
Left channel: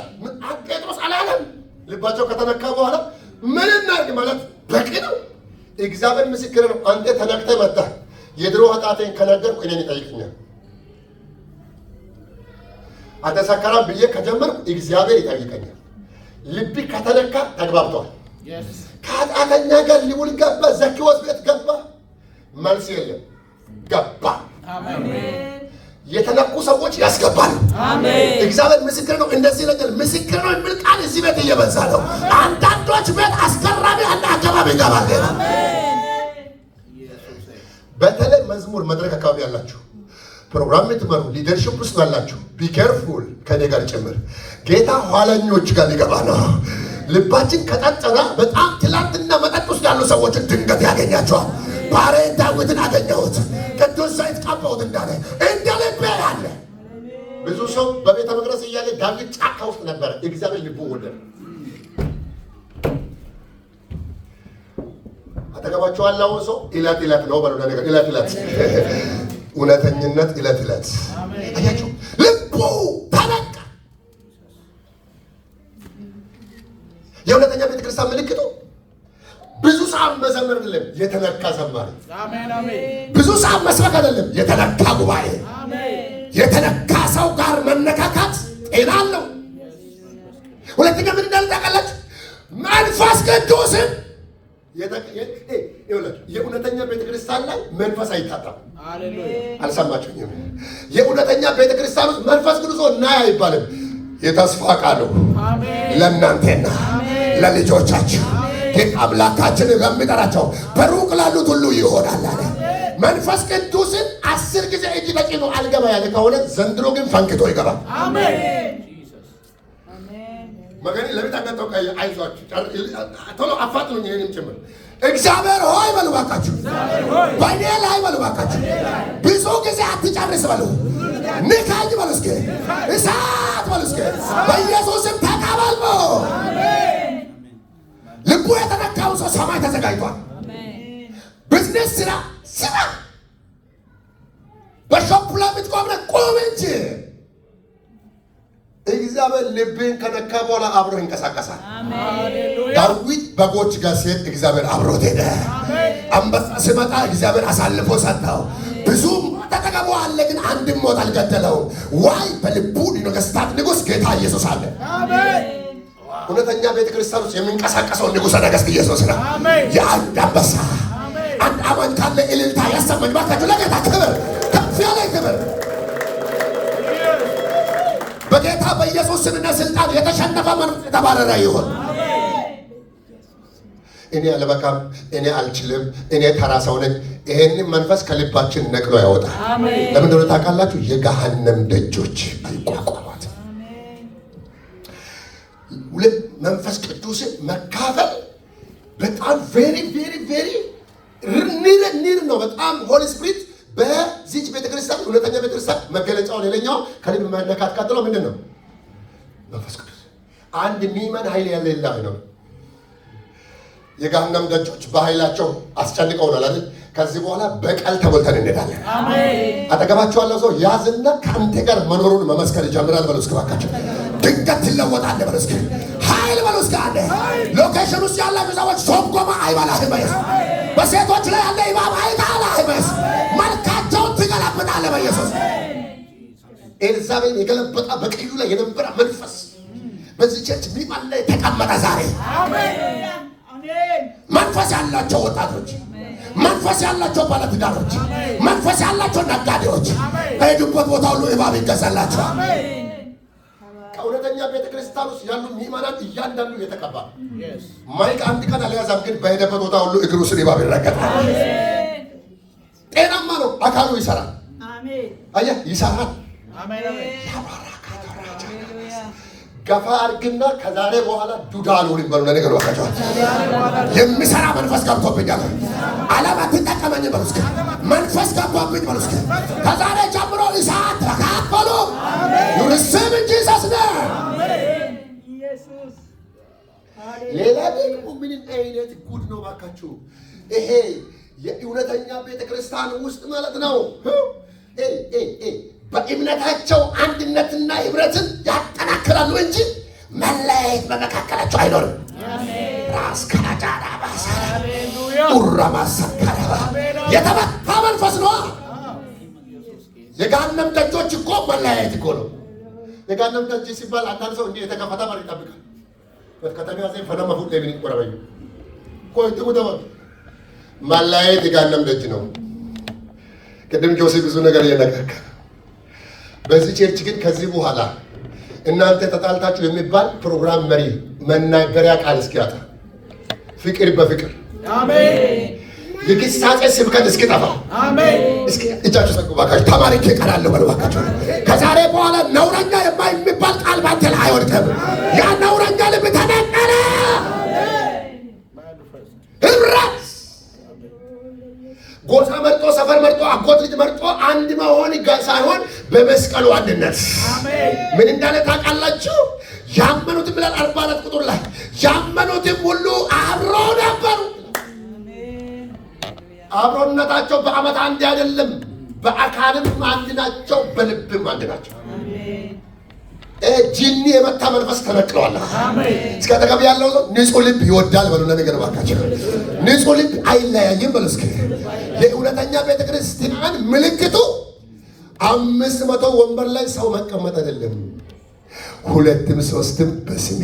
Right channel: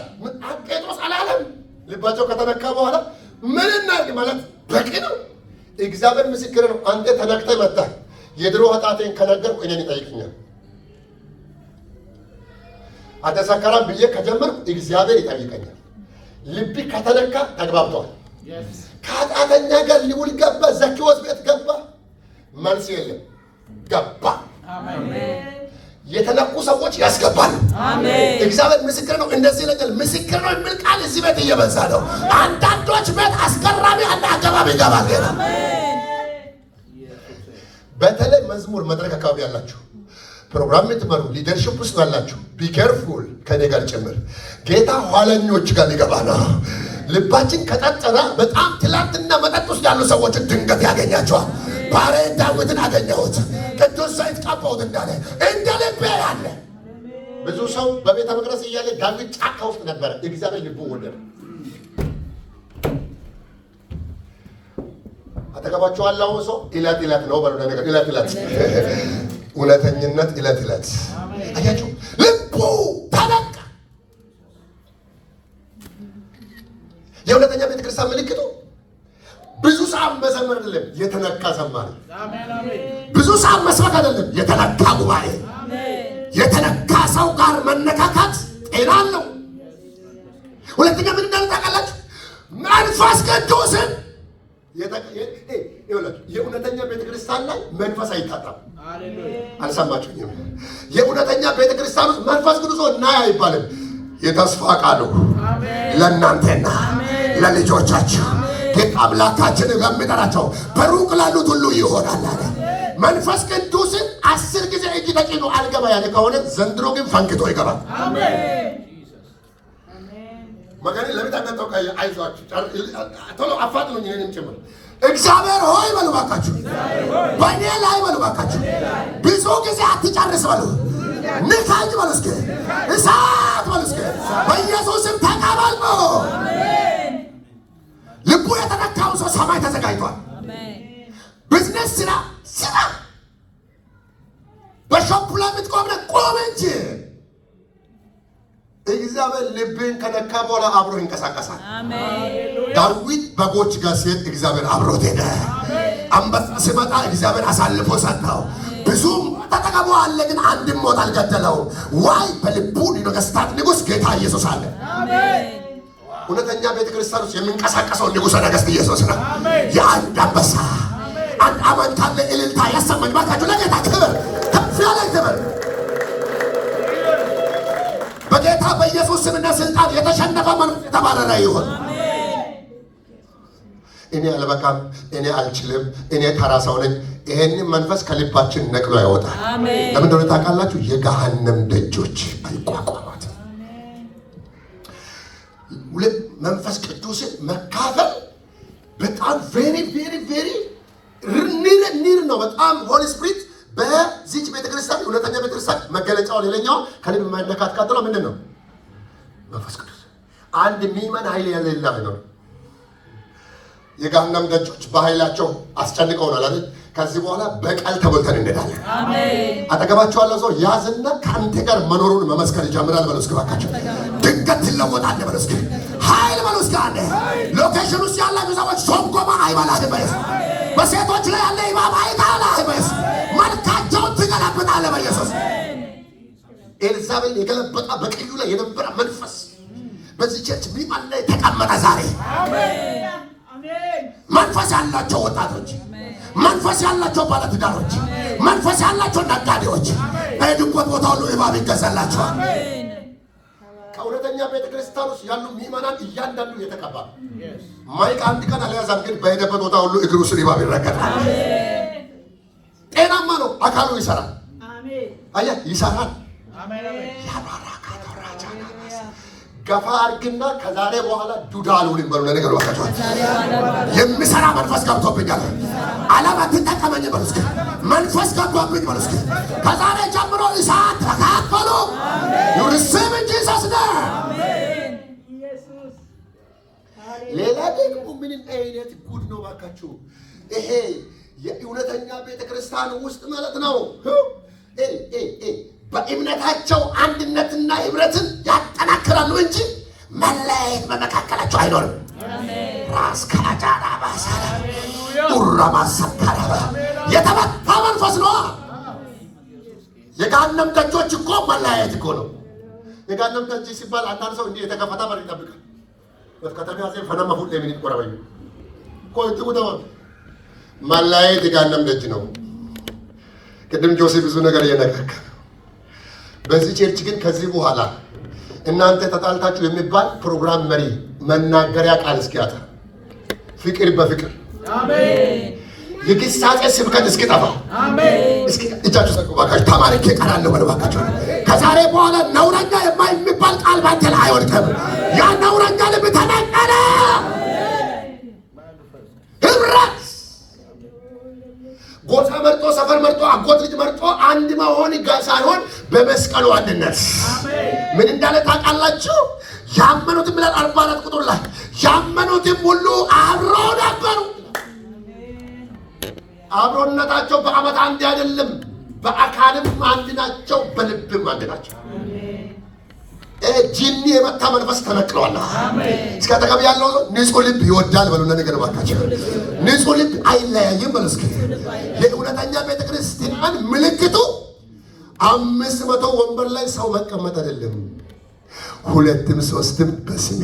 ጴጥሮስ አላለም። ልባቸው ከተነካ በኋላ ምን እናድርግ ማለት በቂ ነው። እግዚአብሔር ምስክር ነው። አንተ ተነክተህ መጣህ። የድሮ ኃጢአቴን ከነገርኩ እኔን ይጠይቅኛል። አንተ ሰካራም ብዬ ከጀመርኩ እግዚአብሔር ይጠይቀኛል። ልብ ከተነካ ተግባብተዋል። ከኃጢአተኛ ጋር ሊውል ገባ። ዘኪዎስ ቤት ገባ። መልስ የለም። ገባ። የተነኩ ሰዎች ያስገባሉ። እግዚአብሔር ምስክር ነው። እንደዚህ ነገር ምስክር ነው የሚል ቃል እዚህ ቤት እየበዛ ነው። አንዳንዶች ቤት አስገራሚ አንድ አካባቢ ይገባል። በተለይ መዝሙር መድረክ አካባቢ ያላችሁ ፕሮግራም የምትመሩ ሊደርሽፕ ውስጥ ያላችሁ ቢኬርፉል ከኔ ጋር ጭምር ጌታ ኋለኞች ጋር ሊገባ ነው። ልባችን ከጠጠና በጣም ትላንትና መጠጥ ውስጥ ያሉ ሰዎችን ድንገት ያገኛቸዋል። ባሪያዬ ዳዊትን አገኘሁት፣ ቅዱስ ዘይት ቀባሁት እንዳለ እንደ ልቤ ያለ ብዙ ሰው በቤተ መቅደስ እያለ ዳዊት ጫካ ውስጥ ነበረ። እግዚአብሔር ልቡ ወደደ። አጠገባችሁ ያለው ሰው ዕለት ዕለት ነው በለው ነገር ዕለት ዕለት እውነተኝነት ዕለት ዕለት አያችሁ። ልቡ ተነካ። የእውነተኛ ቤተክርስቲያን ምልክቱ ብዙ ሰዓት መዘመር አይደለም፣ የተነካ ዘማሪ። ብዙ ሰዓት መስበክ አይደለም፣ የተነካ ጉባኤ። የተነካ ሰው ጋር መነካካት ጤና አለው። ሁለተኛ ምን እንዳለ ታውቃላችሁ? መንፈስ ቅዱስን የእውነተኛ ቤተክርስቲያን ላይ መንፈስ አይታጣም። አልሰማችሁኝም? የእውነተኛ ቤተክርስቲያን ውስጥ መንፈስ ቅዱስ ና አይባልም። የተስፋ ቃሉ ለእናንተና ለልጆቻችሁ ግን አምላካችን በሚጠራቸው በሩቅ ላሉት ሁሉ ይሆናል አለ። መንፈስ ቅዱስን 10 ጊዜ እጅ ተጭኖ አልገባ ያለ ከሆነ ዘንድሮ ግን ፈንክቶ ይገባል። አሜን። መገኒ ለቤት አገጠው ካየ አይዟችሁ ቶሎ አፋጥኑኝ። እኔንም ጭምር እግዚአብሔር ሆይ በሉ ባካችሁ፣ በእኔ ላይ በሉ ባካችሁ፣ ብዙ ጊዜ አትጨርስ በሉ፣ ንካኝ በሉ፣ እስኪ እሳት በሉ፣ እስኪ በኢየሱስም ተቀበል ነው። ልቡ የተነካው ሰው ሰማይ ተዘጋጅቷል። ቢዝነስ ስራ በሾፕ ላይ የምትቆም ቁም እንጂ እግዚአብሔር ልብን ከነካ በኋላ አብሮ ይንቀሳቀሳል። ዳዊት በጎች ጋር ሲሄድ እግዚአብሔር አብሮት ሄደ። አንበሳ ሲመጣ እግዚአብሔር አሳልፎ ሰጠው። ብዙ ተጠቀሙ አለ፣ ግን አንድም ሞት አልገደለው። ዋይ በልቡ ነገስታት ንጉሥ ጌታ ኢየሱስ አለ። እውነተኛ ቤተክርስቲያን ውስጥ የሚንቀሳቀሰው ንጉሠ ነገሥት ኢየሱስ ነው። የአንድ አንበሳ አንድ አማኝ ካለ እልልታ ያሰማኝ ባካችሁ። ለጌታ ክብር፣ ከፍ ያለ ክብር። በጌታ በኢየሱስ ስምና ስልጣን የተሸነፈ መንፈስ የተባረረ ይሁን። እኔ አልበቃም፣ እኔ አልችልም፣ እኔ ተራ ሰው ነኝ። ይሄንን መንፈስ ከልባችን ነቅሎ ያወጣል። ለምን እንደሆነ ታውቃላችሁ? የገሃነም ደጆች አይቋቋሟትም። ሁለት መንፈስ ቅዱስን መካፈል በጣም ቬሪ ኒር ነው። በጣም ሆሊ ስፒሪት በዚች ቤተክርስቲያን እውነተኛ ቤተክርስቲያን መገለጫው ሌላኛው ከልብ መነካት ቀጥሎ ምንድን ነው? መንፈስ ቅዱስ። አንድ ሚመን ኃይል የሌላ ነው። የገሃነም ደጆች በኃይላቸው አስጨንቀውናል አይደል? ከዚህ በኋላ በቀል ተሞልተን እንሄዳለን። አሜን። አጠገባችሁ ያለው ሰው ያዝና ከአንተ ጋር መኖሩን መመስከር ይጀምራል። በለው እስኪ እባካችሁ። ድንገት ትለወጣለህ። በለው እስኪ ኃይል በለው እስኪ አለ። ሎኬሽን ውስጥ ያላችሁ ሰዎች ሶምጎማ አይባላህም በኢየሱስ። በሴቶች ላይ ያለ ኢማም አይባላህም በኢየሱስ። መልካቸውን ትገለብጣለህ በኢየሱስ። ኤልዛቤል የገለበጣ በቀዩ ላይ የነበረ መንፈስ በዚህ ቸርች ሚማን ላይ ተቀመጠ ዛሬ። መንፈስ ያላቸው ወጣቶች፣ መንፈስ ያላቸው ባለትዳሮች፣ መንፈስ ያላቸው ነጋዴዎች በሄዱበት ቦታ ሁሉ እባብ ይገዛላቸዋል። ከእውነተኛ ቤተክርስቲያን ውስጥ ያሉ ምዕመናን እያንዳንዱ የተቀባ ማይክ አንድ ቀን አልያዛም፣ ግን በሄደበት ቦታ ሁሉ እግሩ ስር እባብ ይረገጣል። ጤናማ ነው፣ አካሉ ይሰራል። አየህ፣ ይሰራል። ገፋ አድርግና ከዛሬ በኋላ ዱዳ አልሆንም በሉ። ለነገሩ ወጣቸው የሚሰራ መንፈስ ገብቶብኛል። ዓለም አትጠቀመኝ በሉ እስኪ። መንፈስ ገብቶብኝ በሉ እስኪ። ከዛሬ ጀምሮ እሳት ተካፈሉ። ዩርስም እንጂ ሰስነ ሌላ ደግሞ ምን አይነት ጉድ ነው ባካችሁ! ይሄ የእውነተኛ ቤተክርስቲያን ውስጥ ማለት ነው። በእምነታቸው አንድነትና ህብረትን ያጠናክራሉ እንጂ መለያየት በመካከላቸው አይኖርም። ራስ ካጃራ ባሳ ኡራማ ሰካራ የተመታ መንፈስ ነው። የገሃነም ደጆች እኮ መለያየት እኮ ነው። የገሃነም ደጅ ሲባል አንዳንድ ሰው እንዲህ የተከፈተ በር ይጠብቃል። ከተሚያ ዘይ ፈነማ ሁሉ ለምን ይቆራባዩ ቆይቱ ደው መለያየት የገሃነም ደጅ ነው። ቅድም ጆሴ ብዙ ነገር እየነገርከ በዚህ ቸርች ግን ከዚህ በኋላ እናንተ ተጣልታችሁ የሚባል ፕሮግራም መሪ መናገሪያ ቃል እስኪያጣ ፍቅር በፍቅር አሜን። የግሳጼ ስብከት እስኪጠፋ አሜን። እስኪ እጃችሁ ሰቁ ባካችሁ። ተማሪክ ይቀራል በሉ ባካችሁ። ከዛሬ በኋላ ነውረኛ የማይባል ቃል ባንተ ላይ አይወድቅም። ያ ነውረኛ ልብ ተነቀለ። ህብረት ጎሳ መርጦ ሰፈር መርጦ አጎት ልጅ መርጦ አንድ መሆን ሳይሆን በመስቀሉ አንድነት ምን እንዳለ ታውቃላችሁ? ያመኑትም ብለን 44 ቁጥር ላይ ያመኑትም ሁሉ አብረው ነበሩ። አብሮነታቸው በዓመት አንድ አይደለም፣ በአካልም አንድ ናቸው፣ በልብም አንድ ናቸው። ጂኒ የመታ መንፈስ ተነቅሏል። እስከ ተቀብ ያለው ንጹህ ልብ ይወዳል በሉ። ነገር ባካችሁ ንጹህ ልብ አይለያይም በሉ እስኪ። የእውነተኛ ቤተክርስቲያን ምልክቱ 500 ወንበር ላይ ሰው መቀመጥ አይደለም፣ 2ም 3ም በስሜ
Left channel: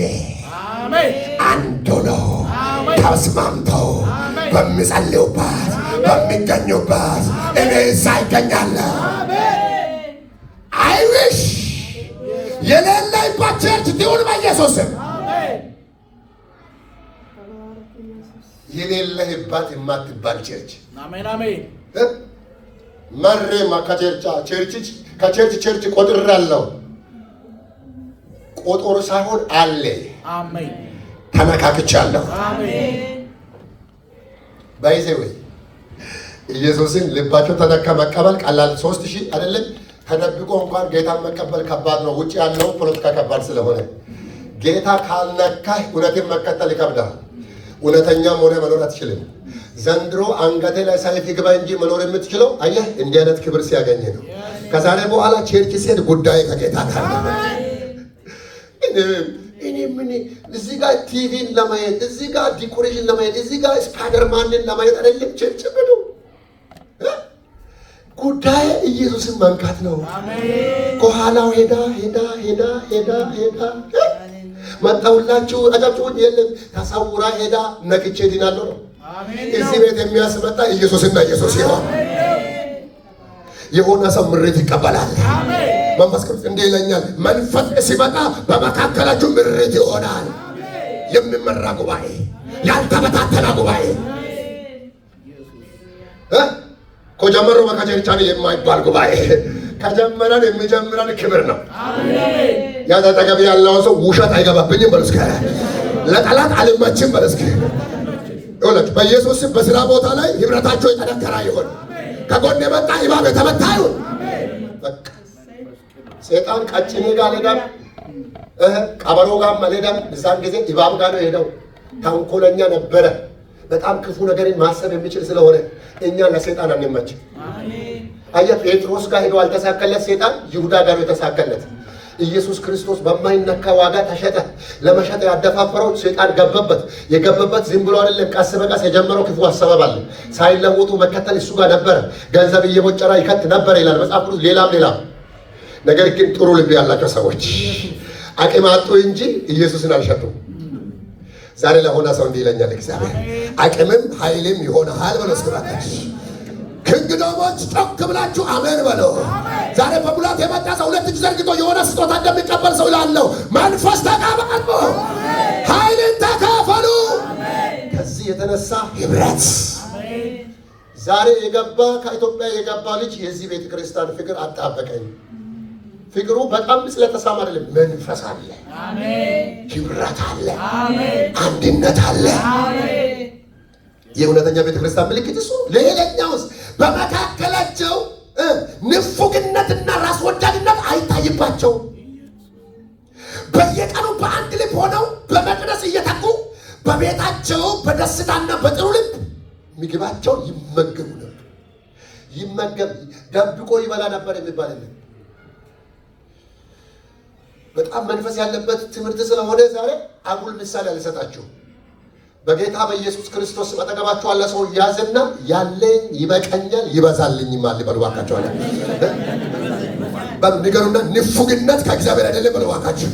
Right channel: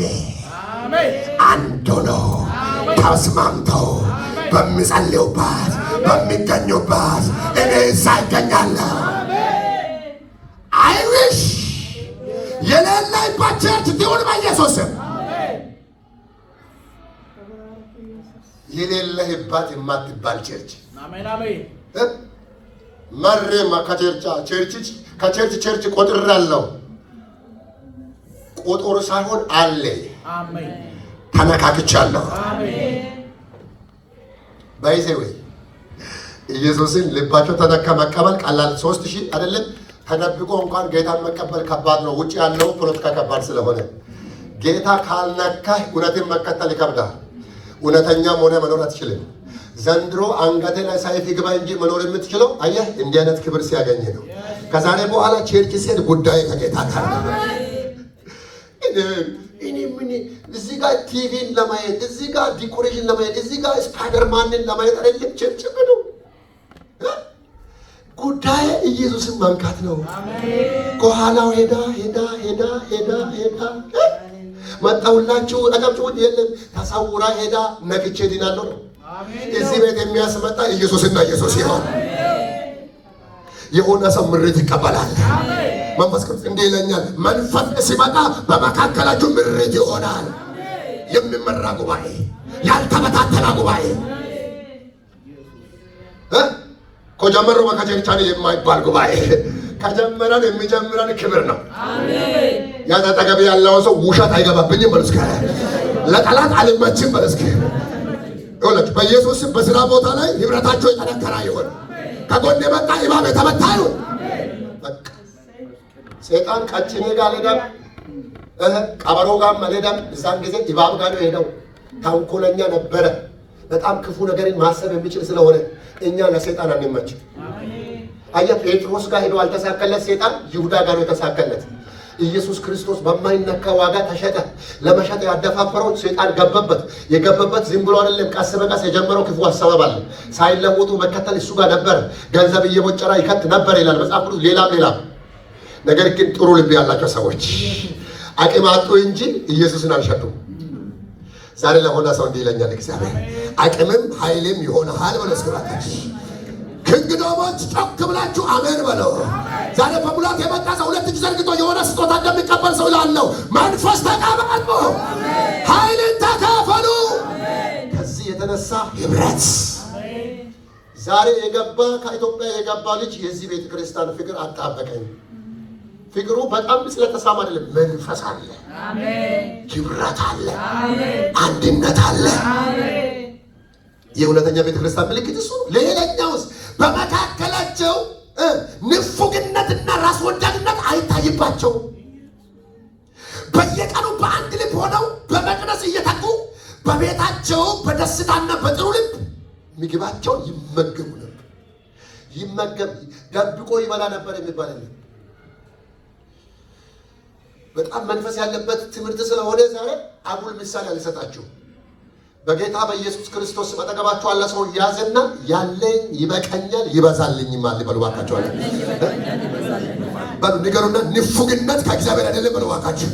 አንድ ነው ተስማምተው በሚጸልዩባት በሚገኙባት እኔ እዛ ይገኛለሁ። አይዊሽ የሌለባት ቸርች ትሁን በኢየሱስ ስም። የሌለህባት የማትባል ቸርች አሜን አሜን። መሬማ ከቸርች ቸርች ቆጥሬያለሁ። ቆጦር ሳይሆን አለ አሜን። ተነካክቻለሁ አሜን። ባይዘ ወይ ኢየሱስን ልባቸው ተነካ መቀበል ቀላል 3000 አይደለም። ተደብቆ እንኳን ጌታን መቀበል ከባድ ነው። ውጭ ያለው ፖለቲካ ከባድ ስለሆነ ጌታ ካልነካህ እውነትን መከተል ይከብዳል። እውነተኛም ሆነ መኖር አትችልም። ዘንድሮ አንገቴ ላይ ሰይፍ ይግባ እንጂ መኖር የምትችለው አየህ እንዲህ አይነት ክብር ሲያገኝ ነው። ከዛሬ በኋላ ቸርች ሴት ጉዳይ ከጌታ ጋር ነው። እኔ ምን እዚህ ጋር ቲቪን ለማየት እዚህ ጋር ዲኮሬሽን ለማየት እዚህ ጋር ስፓይደርማንን ለማየት አይደለም ቸርች ነው። ጉዳይ ኢየሱስን መንካት ነው። ከኋላው ሄዳ መጣውላችሁ አጫጭውት የለም ተሳውራ ሄዳ ነክቼ ድናለሁ ነው። እዚህ ቤት የሚያስመጣ ኢየሱስና ኢየሱስ ይሆን። የሆነ ሰው ምሬት ይቀበላል። መንፈስ ቅዱስ እንዲህ ይለኛል፣ መንፈስ ሲመጣ በመካከላችሁ ምሬት ይሆናል። የሚመራ ጉባኤ፣ ያልተበታተና ጉባኤ ከጀመሩ በከቸርቻኔ የማይባል ጉባኤ ከጀመረን የሚጀምረን ክብር ነው። ያጠገብ ያለው ሰው ውሸት አይገባብኝም በሉ እስኪ። ለጠላት አልመችም በሉ እስኪ። ይኸውላችሁ በኢየሱስ በስራ ቦታ ላይ ህብረታቸው የጠነከረ ይሁን። ከጎን የመጣ እባብ የተመታ ይሁን። ሰይጣን ቀጭኔ ጋር አልሄደም፣ ቀበሮ ጋር አልሄደም። እዛን ጊዜ እባብ ጋር ነው የሄደው። ተንኮለኛ ነበረ። በጣም ክፉ ነገርን ማሰብ የሚችል ስለሆነ እኛ ለሰይጣን አንመችም። አየህ ጴጥሮስ ጋር ሄዶ አልተሳከለት ሰይጣን ይሁዳ ጋር ነው የተሳከለት። ኢየሱስ ክርስቶስ በማይነካ ዋጋ ተሸጠ። ለመሸጥ ያደፋፈረው ሰይጣን ገበበት። የገበበት ዝም ብሎ አይደለም፣ ቀስ በቀስ የጀመረው ክፉ አሰባብ አለ። ሳይለወጡ መከተል እሱ ጋር ነበረ። ገንዘብ እየቦጨራ ይከት ነበር ይላል መጽሐፍ ቅዱስ። ሌላም ነገር ግን ጥሩ ልብ ያላቸው ሰዎች አቅም አጡ እንጂ ኢየሱስን አልሸጡም። ዛሬ ለሆነ ሰው እንዲህ ይለኛል እግዚአብሔር አቅምም ኃይልም ይሆናል በለው እስከባታች ክንግዶሞች ጮክ ብላችሁ አሜን በለው። ዛሬ በሙላት የመጣ ሰው 2 እጅ ዘርግቶ የሆነ ስጦታ እንደሚቀበል ሰው ላለው መንፈስ ተቀበሉ፣ ኃይልን ተካፈሉ። ከዚህ የተነሳ ህብረት ዛሬ የገባ ከኢትዮጵያ የገባ ልጅ የዚህ ቤተ ክርስቲያን ፍቅር አጣበቀኝ። ፍቅሩ በጣም ስለተሳማ አይደለም፣ መንፈስ አለ፣ ህብረት አለ፣ አንድነት አለ። የእውነተኛ ቤተክርስቲያን ምልክት እሱ። ሌላኛውስ በመካከላቸው ንፉግነትና ራስ ወዳድነት አይታይባቸውም። በየቀኑ በአንድ ልብ ሆነው በመቅደስ እየተጉ በቤታቸው በደስታና በጥሩ ልብ ምግባቸውን ይመገቡ ነበር። ደብቆ ይበላ ነበር የሚባል የለም። በጣም መንፈስ ያለበት ትምህርት ስለሆነ ዛሬ አጉል ምሳሌ አልሰጣችሁ። በጌታ በኢየሱስ ክርስቶስ አጠገባችሁ ያለ ሰው ያዘና ያለኝ ይበቀኛል ይበዛልኝማል በሉ እባካችሁ አለ። በሉ ንገሩና ንፉግነት ከእግዚአብሔር አይደለም በሉ እባካችሁ።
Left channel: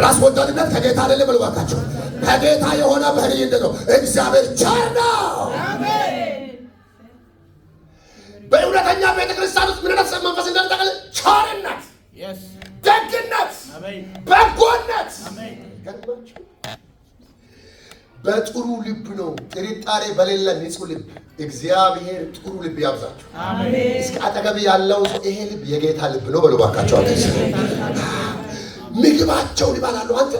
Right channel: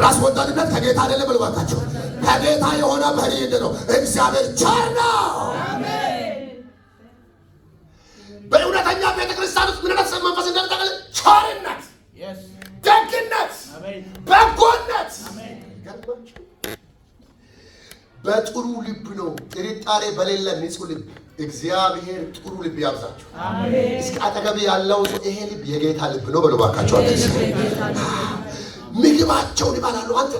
ራስ ወዳድነት ከጌታ አይደለም በሉ እባካችሁ። ከጌታ የሆነ ባህሪ ነው። እግዚአብሔር ቸር ነው። በእውነተኛ ቤተክርስቲያን ውስጥ ምን አይነት መንፈስ እንደምታውቁ ቸርነት፣ ደግነት፣ በጎነት በጥሩ ልብ ነው። ጥርጣሬ በሌለ ንጹህ ልብ እግዚአብሔር ጥሩ ልብ ያብዛችሁ። እስከ አጠገብ ያለው ይሄ ልብ የጌታ ልብ ነው በሉ እባካችሁ። ምግባቸውን ይበላሉ። አንተ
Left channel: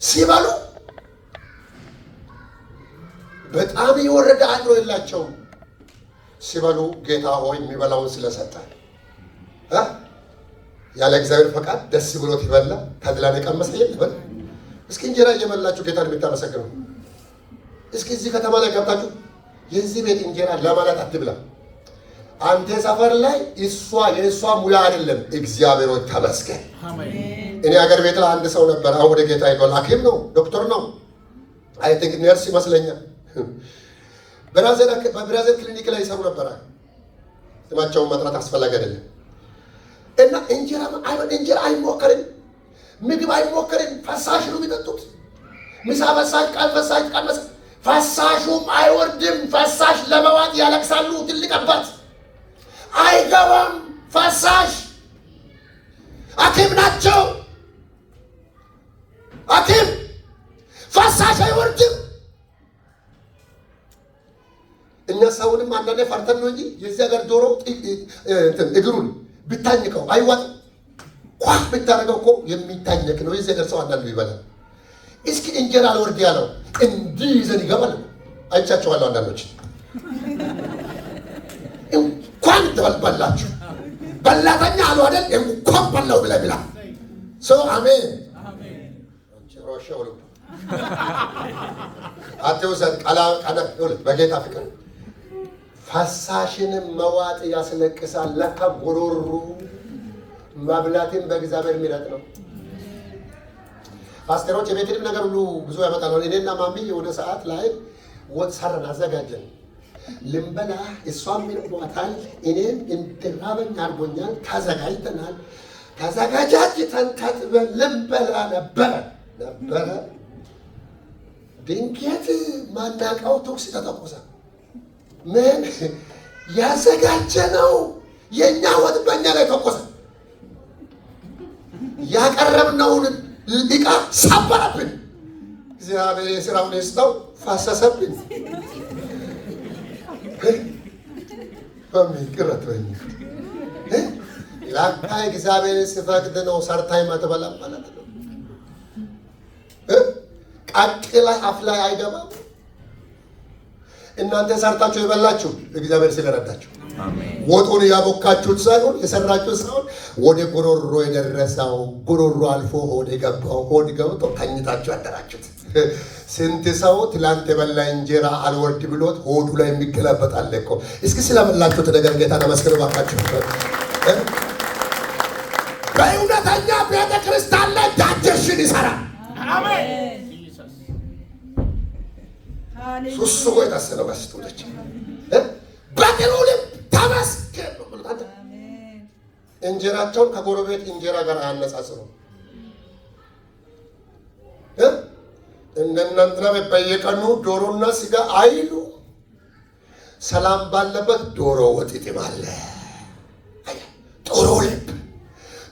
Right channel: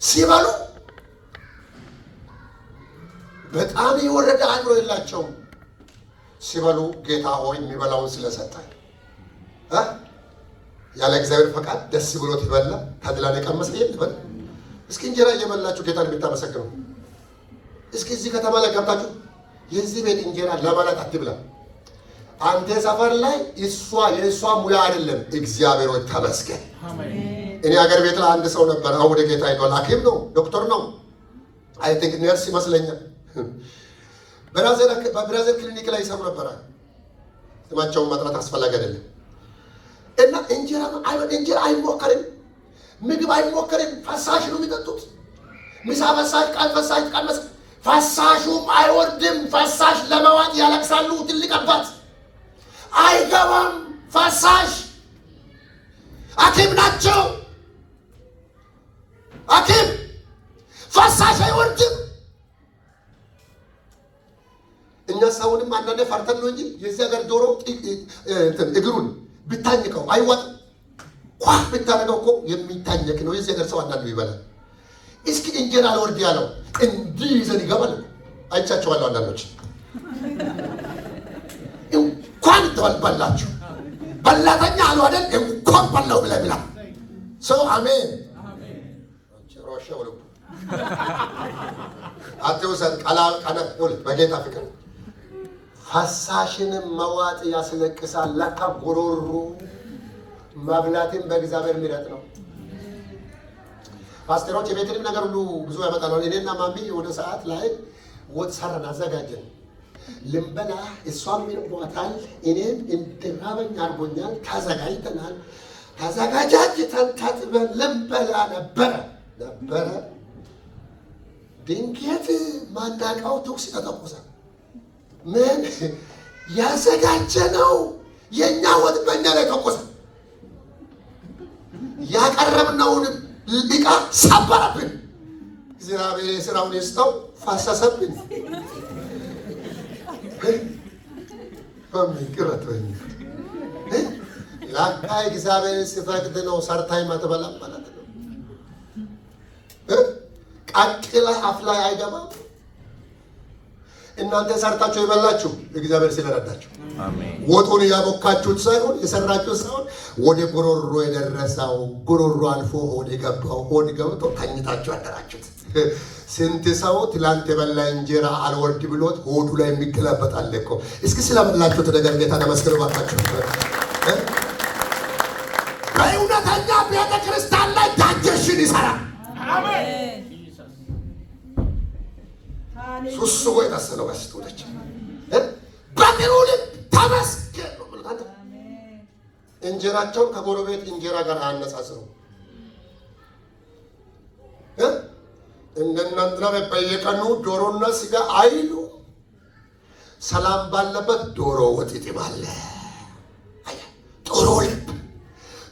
ሲበሉ በጣም የወረደ አእምሮ የላቸውም። ሲበሉ ጌታ ሆይ የሚበላውን ስለሰጠን ያለ እግዚአብሔር ፈቃድ ደስ ብሎት ይበላ ተድላን የቀመሰ ይበላ። እስኪ እንጀራ እየበላችሁ ጌታን የምታመሰግኑ እስኪ እዚህ ከተማ ላይ ገብታችሁ የዚህ ቤት እንጀራ ለማለት አትብላ። አንተ ሰፈር ላይ የእሷ ሙያ አይደለም። እግዚአብሔር ሆይ ተመስገን። እኔ ሀገር ቤት ላይ አንድ ሰው ነበር። አሁን ወደ ጌታ ሄዷል። ሐኪም ነው፣ ዶክተር ነው፣ አይ ቲንክ ነርስ ይመስለኛል። በብራዘር ክሊኒክ ላይ ይሰሩ ነበረ። ስማቸውን መጥራት አስፈላጊ አይደለም። እና እንጀራ አይሞከርም፣ ምግብ አይሞከርም። ፈሳሽ ነው የሚጠጡት። ምሳ ፈሳሽ፣ ቃል ፈሳሽ፣ ቃል ፈሳሹም አይወርድም። ፈሳሽ ለመዋጥ ያለቅሳሉ። ትልቅ አባት አይገባም። ፈሳሽ ሐኪም ናቸው። ሐኪም ፈሳሽ አይወርድም። እኛ ሰውንም አንዳንዴ ፈርተን ነው እንጂ የዚህ ሀገር ዶሮ እግሩን ብታኝከው አይዋጥም። ኳፍ ብታደርገው እኮ የሚታኘክ ነው። የዚህ ሀገር ሰው አንዳንዱ ይበላል። እስኪ እንጀራ አልወርድ ያለው እንዲህ ይዘን ይገባል። አይቻቸዋለሁ። አንዳንዶች እንኳን ተበላችሁ በላተኛ አሉ አይደል? እንኳን በላው ብለህ ብላ ሰው አሜን። አትውሰድ በጌታ ፍቅር ፈሳሽንም መዋጥ ያስለቅሳል። ለካ ጎሮሮ መብላትን በእግዚአብሔር ምሕረት ነው። ፓስተሮች የቤትንም ነገር ሁሉ ብዙ ያመጣሉ። እኔና ማሚ የሆነ ሰዓት ላይ ወጥ ሰራን፣ አዘጋጀን ልንበላ። እሷም ይርቧታል፣ እኔም እንድራበኝ አድርጎኛል። ተዘጋጅተናል። ተዘጋጃጅተን ታጥበን ልንበላ ነበረ። ድንገት ማናውቀው ተኩስ ተተኮሰ። ምን ያዘጋጀነው የእኛ ወጥ በእኛ ላይ ተኮሰ። ያቀረብነውን ዕቃ ሰበረብን። እግዚአብሔር የሥራውን ይስጠው፣ ፈሰሰብን። በሚቅረት ወይ ላካ እግዚአብሔር ሲፈቅድ ነው ሰርታ ይመትበላ ማለት ነው። ቃቅላ አፍ ላይ አይገባም። እናንተ ሰርታችሁ የበላችሁ እግዚአብሔር ስለረዳችሁ፣ ወጡን ያቦካችሁት ሳይሆን የሰራችሁት ሳይሆን ወደ ጉሮሮ የደረሰው ጉሮሮ አልፎ ሆድ የገባው ሆድ ገብቶ ተኝታችሁ ያደራችሁት። ስንት ሰው ትላንት የበላ እንጀራ አልወርድ ብሎት ሆዱ ላይ የሚገላበጣል እኮ። እስኪ ስለበላችሁት ነገር ጌታ ተመስገኑ ባካችሁ። በእውነተኛ ቤተ ክርስቲያን ላይ ዳጀሽን ይሰራል። ሱሱ ወይ ታሰለው ጋስቶች በጥሩ ልብ ተመስገን ነው ብለታ እንጀራቸውን ከጎረቤት እንጀራ ጋር አነጻጽሩ። እንደናንተና በየቀኑ ዶሮና ስጋ አይሉ። ሰላም ባለበት ዶሮ ወጥ ይጥማል።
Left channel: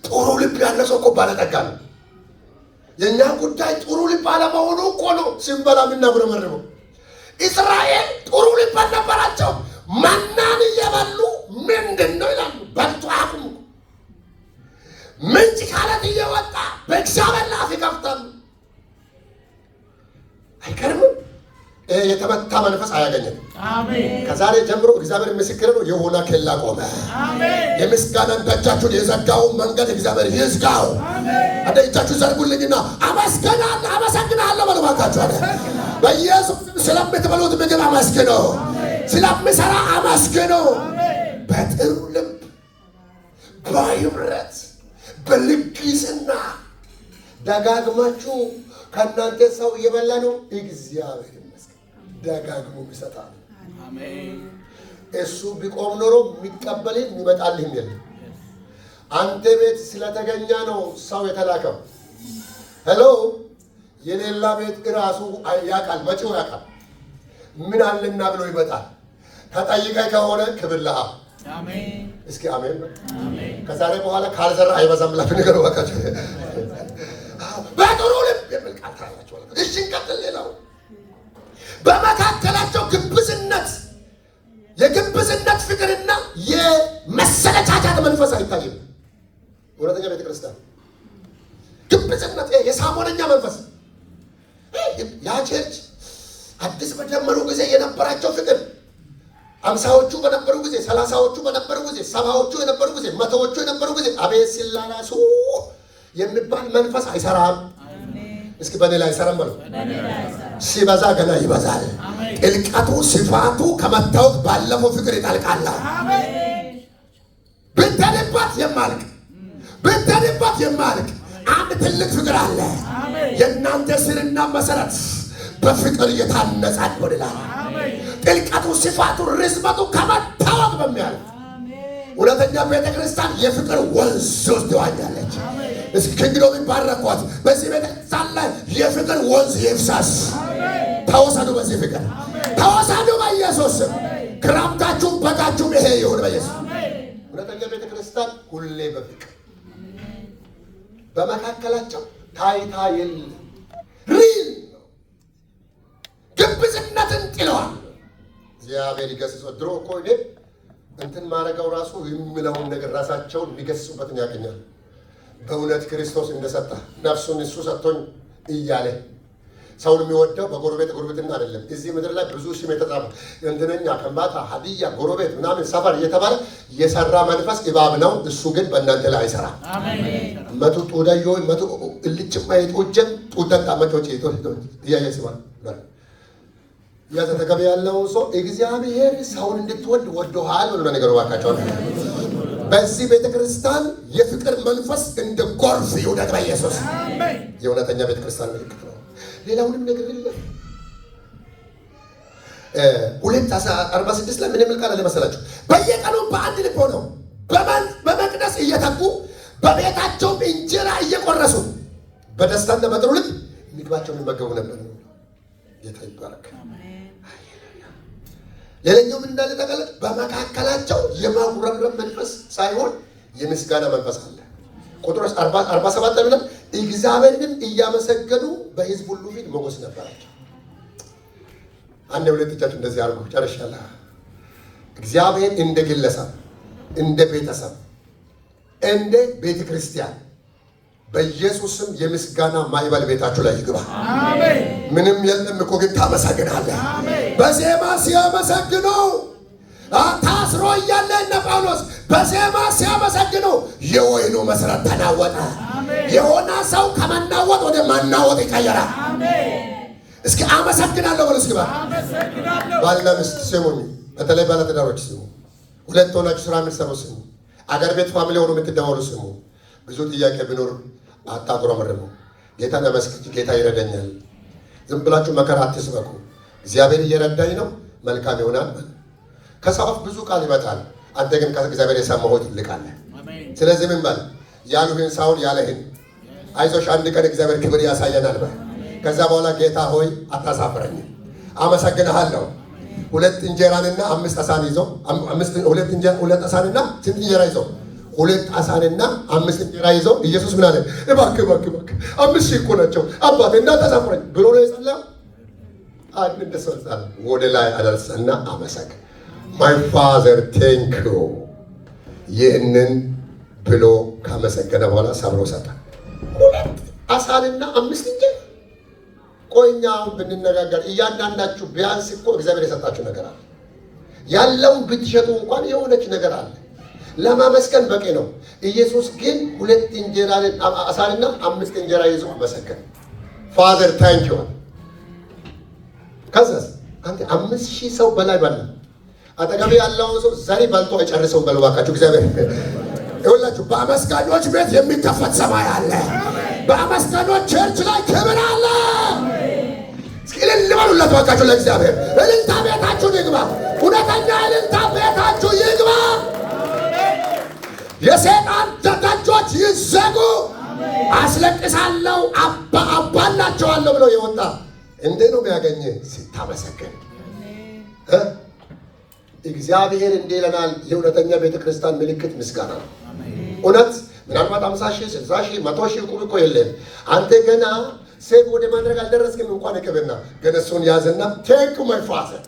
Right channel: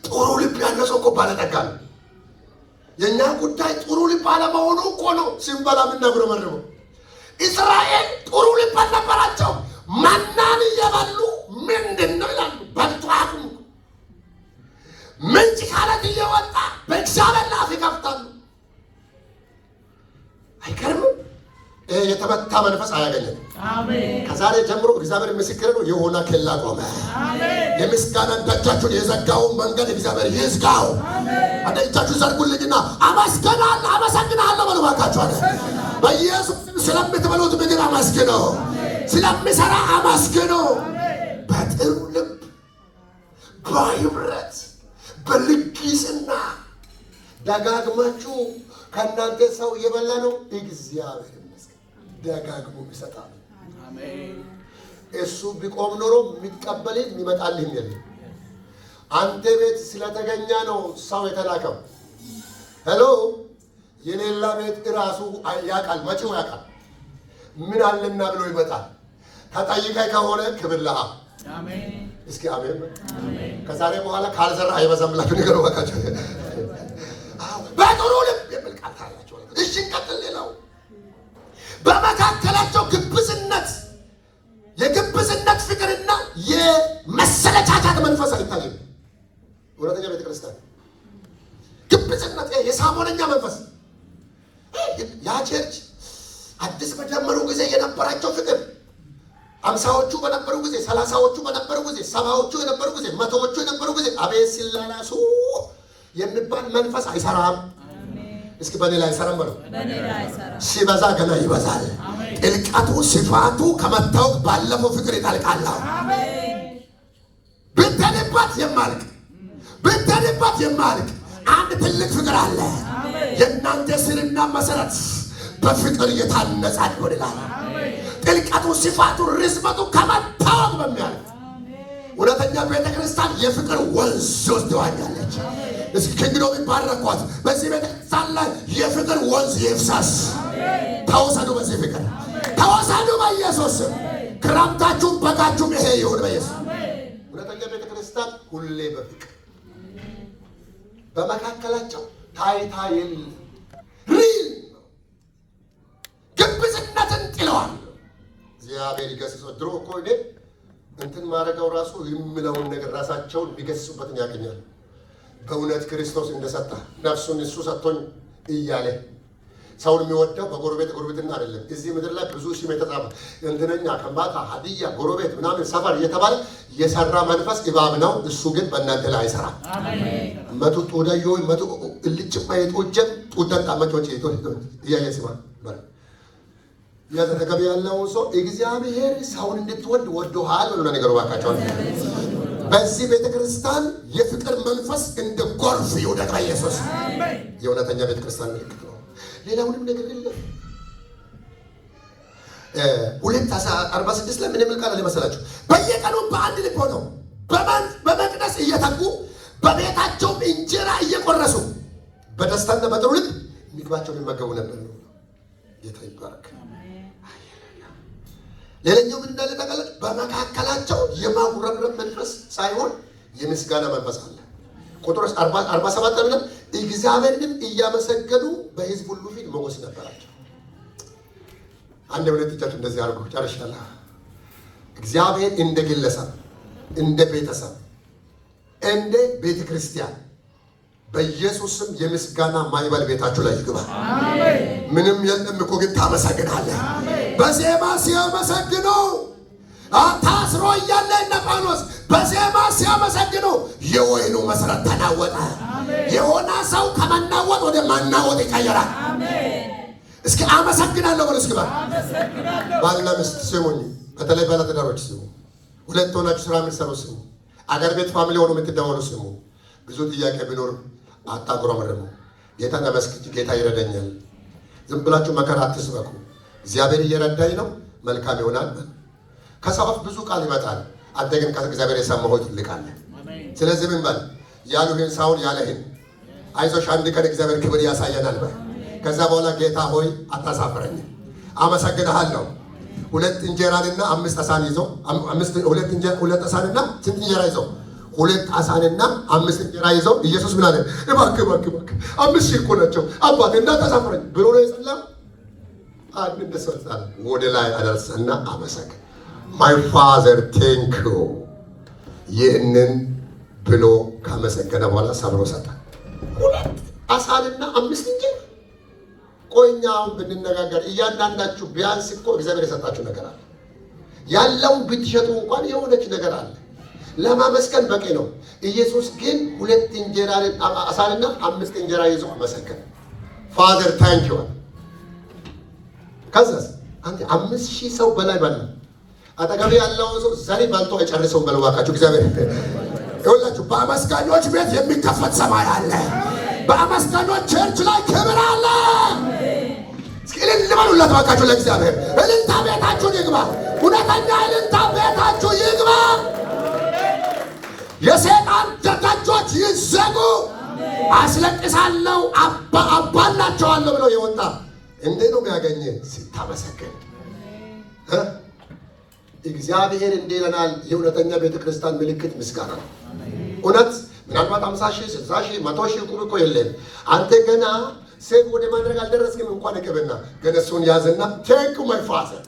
ጥሩ ልብ ያለ ሰው እኮ ባለጠጋ ነው። የእኛ ጉዳይ ጥሩ ልብ አለመሆኑ እኮ ነው ስንበላ የምናጉረመርመው። እስራኤል ጥሩ ልብ አልነበራቸው። መናን እየበሉ ምንድን ነው ይላሉ። በልቶ አቅሙ ምንጭ ካለት እየወጣ በእግዚአብሔር ላይ አፍ ይከፍታሉ። አይገርምም? የተመታ መንፈስ አያገኘም። ከዛሬ ጀምሮ እግዚአብሔር ምስክር ነው። የሆነ ኬላ ቆመ። የምስጋናን ደጃችሁን የዘጋውን መንገድ እግዚአብሔር ይዝጋው። አንተ እጃችሁ ዘርጉልኝና አመሰግናለሁ በሉ ባካችሁ። በኢየሱስ ስለምትበሉት ምግብ አመስግኑ፣ ስለሚሰራ አመስግኑ። በጥሩ ልብ በህብረት በልግስና ደጋግማችሁ ከእናንተ ሰው እየበላ ነው። እግዚአብሔር ይመስገን ደጋግሞ ይሰጣል። እሱ ቢቆም ኖሮ የሚቀበልህ የሚመጣልህ የለም። አንተ ቤት ስለተገኘ ነው ሰው የተላከው። ሄሎ የሌላ ቤት እራሱ ያውቃል፣ መጪው ያውቃል። ምን አለና ብሎ ይመጣል። ተጠይቀህ ከሆነ ክብር ለአብ። እስኪ አሜን። ከዛሬ በኋላ ካልዘራ አይበዛም ብላችሁ ነገር ወቃችሁ። በጥሩ ልብ የሚል ቃል ታያላችሁ። እሺ እንቀጥል። ሌላው በመካከላቸው ግብዝነት፣ የግብዝነት ፍቅርና የመሰለቻቻት መንፈስ አይታይም። እውነተኛ ቤተክርስቲያን ግብዝነት፣ የሳሞነኛ መንፈስ ያ ቸርች አዲስ በጀመሩ ጊዜ የነበራቸው ፍቅር 50ዎቹ በነበሩ ጊዜ፣ 30ዎቹ በነበሩ ጊዜ፣ 70ዎቹ የነበሩ ጊዜ፣ 100ዎቹ የነበሩ ጊዜ አቤት ሲላላሱ የሚባል መንፈስ አይሰራም። እስኪ በኔ ላይ አይሰራም በለው። ሲበዛ ገና ይበዛል። ጥልቀቱ ስፋቱ ከመታወቅ ባለፈው ፍቅር ይጠልቃል። ብትሄድበት የማልቅ አንድ ትልቅ ፍቅር አለ። የእናንተ ስርና መሰረት በፍቅር እየታነጸ ይሆናል። ጥልቀቱ ስፋቱ ርዝመቱ ከመታወቅ በሚያልፍ እውነተኛ ቤተክርስቲያን የፍቅር ወንዝ ውስጥ ትዋኛለች። እስኪ እንግዲህ ይባረኳት። በዚህ ቤተክርስቲያን ላይ የፍቅር ወንዝ ይፍሰስ። ተወሰዱ፣ በዚህ ፍቅር ተወሰዱ በኢየሱስ ስም። ክረምታችሁም በጋችሁም ይሄ ይሁን በኢየሱስ። እውነተኛ ቤተክርስቲያን ሁሌ በፍቅር በመካከላቸው ታይታ የለም። ሪል ግብዝነትን ጥለዋል። እግዚአብሔር ይገስጸው። ድሮ እኮ እኔ እንትን ማድረገው ራሱ የምለውን ነገር ራሳቸውን የሚገስጹበትን ያገኛል። በእውነት ክርስቶስ እንደሰጠ ነፍሱን እሱ ሰጥቶኝ እያለ ሰውን የሚወደው በጎረቤት ጎረቤትና አይደለም። እዚህ ምድር ላይ ብዙ ስም የተጻፈ እንትነኛ፣ ከምባታ፣ ሀዲያ፣ ጎረቤት ምናምን ሰፈር እየተባለ የሰራ መንፈስ እባብ ነው። እሱ ግን በእናንተ ላይ አይሰራም። መቱ ጡዳዮ መቱ እልጭማ የጦጀም ጡዳጣ መጮች እያየ ስማ ያተተገበ ያለው ሰው እግዚአብሔር ሰውን እንድትወድ ወዶሃል ብሎ ነገሩ ባካቸው። በዚህ ቤተክርስቲያን የፍቅር መንፈስ እንደ ጎርፍ ይውደቅ በኢየሱስ። የእውነተኛ ቤተክርስቲያን ምልክት ነው። ሌላውንም ነገር የለም። 2:46 ላይ ምን የሚል ቃል አለ መሰላችሁ? በየቀኑ በአንድ ልብ ሆነው በመቅደስ እየተጉ በቤታቸውም እንጀራ እየቆረሱ በደስታና በጥሩ ልብ ምግባቸውን ይመገቡ ነበር ነው። ጌታ ይባረክ። ሌላኛው ምን እንዳለ ተቀለጥ። በመካከላቸው የማጉረምረም መንፈስ ሳይሆን የምስጋና መንፈስ አለ። ቁጥር 47 ላይ እግዚአብሔርንም እያመሰገኑ በሕዝብ ሁሉ ፊት ሞገስ ነበራቸው። አንድ ሁለት እጃችሁ እንደዚህ አድርጉ። ጨርሻለሁ። እግዚአብሔር እንደ ግለሰብ፣ እንደ ቤተሰብ፣ እንደ ቤተ ክርስቲያን በኢየሱስም የምስጋና ማይበል ቤታችሁ ላይ ይግባ። አሜን። ምንም የለም እኮ ግን ታመሰግናለህ። በዜማ ሲያመሰግኑ ታስሮ እያለ እነ ጳውሎስ በዜማ ሲያመሰግኑ የወይኑ መሰረት ተናወጠ። የሆነ ሰው ከመናወጥ ወደ መናወጥ ይቀየራል። እስኪ አመሰግናለሁ በሉ። እስኪ ባልና ሚስት ስሙኝ፣ በተለይ ባለትዳሮች ስሙ። ሁለት ሆናችሁ ስራ የምትሰሩ ስሙ። አገር ቤት ፋሚሊ ሆኖ የምትደወሉ ስሙ። ብዙ ጥያቄ ቢኖር አታጉረምርሙ። ጌታን አመስግኑ። ጌታ ይረዳኛል። ዝም ብላችሁ መከራ አትስበኩ። እግዚአብሔር እየረዳኝ ነው፣ መልካም ይሆናል። ከሰው አፍ ብዙ ቃል ይመጣል። አንተ ግን ከእግዚአብሔር የሰማኸው ትልቃለህ። ስለዚህ ምን በል? ያሉህን ሳይሆን ያለህን አይዞሽ፣ አንድ ቀን እግዚአብሔር ክብር ያሳየናል በል። ከዛ በኋላ ጌታ ሆይ አታሳፍረኝም፣ አመሰግንሃለሁ። ሁለት እንጀራንና አምስት አሳን ይዞ ሁለት አሳንና ስንት እንጀራ ይዞ? ሁለት አሳንና አምስት እንጀራ ይዞ ኢየሱስ ምን አለ? እባክህ 5,000 እኮ ናቸው አባቴ እንዳታሳፍረኝ ብሎ ነው የጸለየው። አንድ እንደሰልጣን ወደ ላይ አደረሰና አመሰግን። ማይ ፋዘር ቴንክ ዩ። ይህንን ብሎ ካመሰገነ በኋላ ሰብሮ ሰጠ። 2 ዓሣና 5 እንጀራ። ቆይኛ አሁን ብንነጋገር እያንዳንዳችሁ ቢያንስ እኮ እግዚአብሔር የሰጣችሁ ነገር አለ። ያለውን ብትሸጡ እንኳን የሆነች ነገር አለ። ለማመስገን በቂ ነው። ኢየሱስ ግን 2 ዓሣና 5 እንጀራ ይዞ አመሰገነ። ፋዘር ታንክ ዩ። ከዛስ አንተ 5000 ሰው በላይ ባለ አጠገብ ያለው ሰው ዛሬ ባንቶ አይጨርሰው በለው ባካችሁ። እግዚአብሔር ይኸውላችሁ በአመስጋኞች ቤት የሚከፈት ሰማይ አለ። በአመስጋኞች ቸርች ላይ ክብር አለ። እስኪ እልል በሉለት ባካችሁ ለእግዚአብሔር። እልልታ ቤታችሁ ይግባ። እውነተኛ እልልታ ቤታችሁ ይግባ። የሰይጣን ደጆች ይዘጉ። አስለቅሳለሁ አባላቸዋለሁ ብለው የወጣ እንዴት ነው ያገኘ? ሲታመሰገን። እግዚአብሔር እንዲህ ይለናል። የእውነተኛ ቤተክርስቲያን ምልክት ምስጋና ነው። እውነት ምናልባት 50,000 60,000 100,000 ቁብ እኮ የለም። አንተ ገና ሴት ወደ ማድረግ አልደረስክም እንኳን እቅብና ግን እሱን ያዝና ቴንክ ማይ ፋዘር።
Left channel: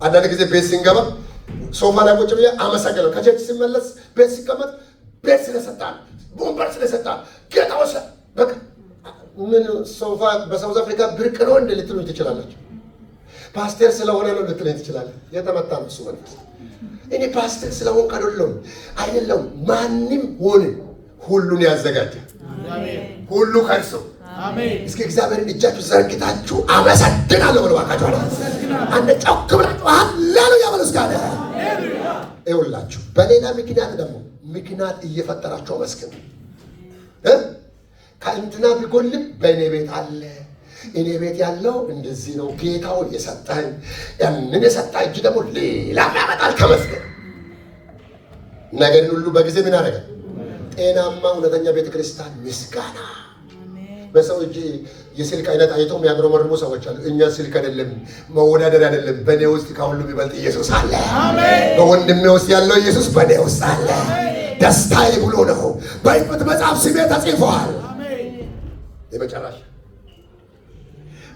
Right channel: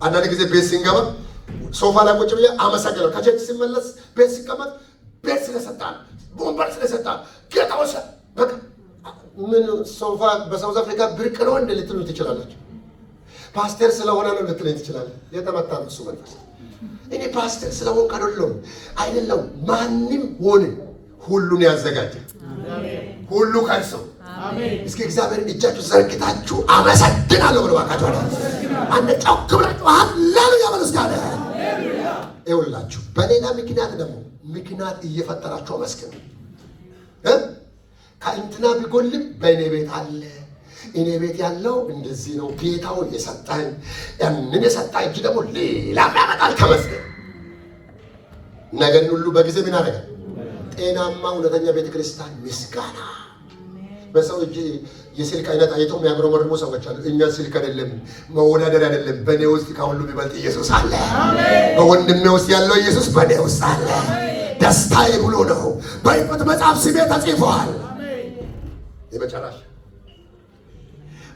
አንዳንድ ጊዜ ቤት ስንገባ ሶፋ ላይ ቁጭ ብዬ አመሰግናለሁ። ከቸርች ሲመለስ ቤት ሲቀመጥ ቤት ስለሰጣን ወንበር ስለሰጣን ጌታ ወሰን በቃ ምን ሶፋ በሳውዝ አፍሪካ ብርቅ ነው እንደ ልትሉ ትችላላችሁ። ፓስተር ስለሆነ ነው ልትሉ ትችላላችሁ። የተመታ ነው እሱ መንፈስ። እኔ ፓስተር ስለሆንኩ አይደለም። ማንም ሆነ ሁሉን ያዘጋጀ ሁሉ ከርሱ። እስኪ እግዚአብሔርን እጃችሁ ዘርግታችሁ አመሰግናለሁ ብለው ባካችሁ አንድ ጮክ ብላችሁ ሃሌሉያ በሉ እስካለ ይኸውላችሁ። በሌላ ምክንያት ደግሞ ምክንያት እየፈጠራችሁ አመስግኑ። ከእንትና ቢጎልም በእኔ ቤት አለ። እኔ ቤት ያለው እንደዚህ ነው። ጌታውን የሰጠን ያንን የሰጣ እጅ ደግሞ ሌላ ያመጣል። ከመስገን ነገርን ሁሉ በጊዜ ምን አደረገ? ጤናማ እውነተኛ ቤተክርስቲያን ምስጋና። በሰው እጅ የስልክ አይነት አይቶ የሚያጉረመርሙ ሰዎች አሉ። እኛ ስልክ አይደለም መወዳደር አይደለም። በእኔ ውስጥ ከሁሉ የሚበልጥ ኢየሱስ አለ። በወንድሜ ውስጥ ያለው ኢየሱስ በእኔ ውስጥ አለ። ደስታዬ ብሎ ነው በሕይወት መጽሐፍ ስሜ ተጽፏል። የመጨረሻ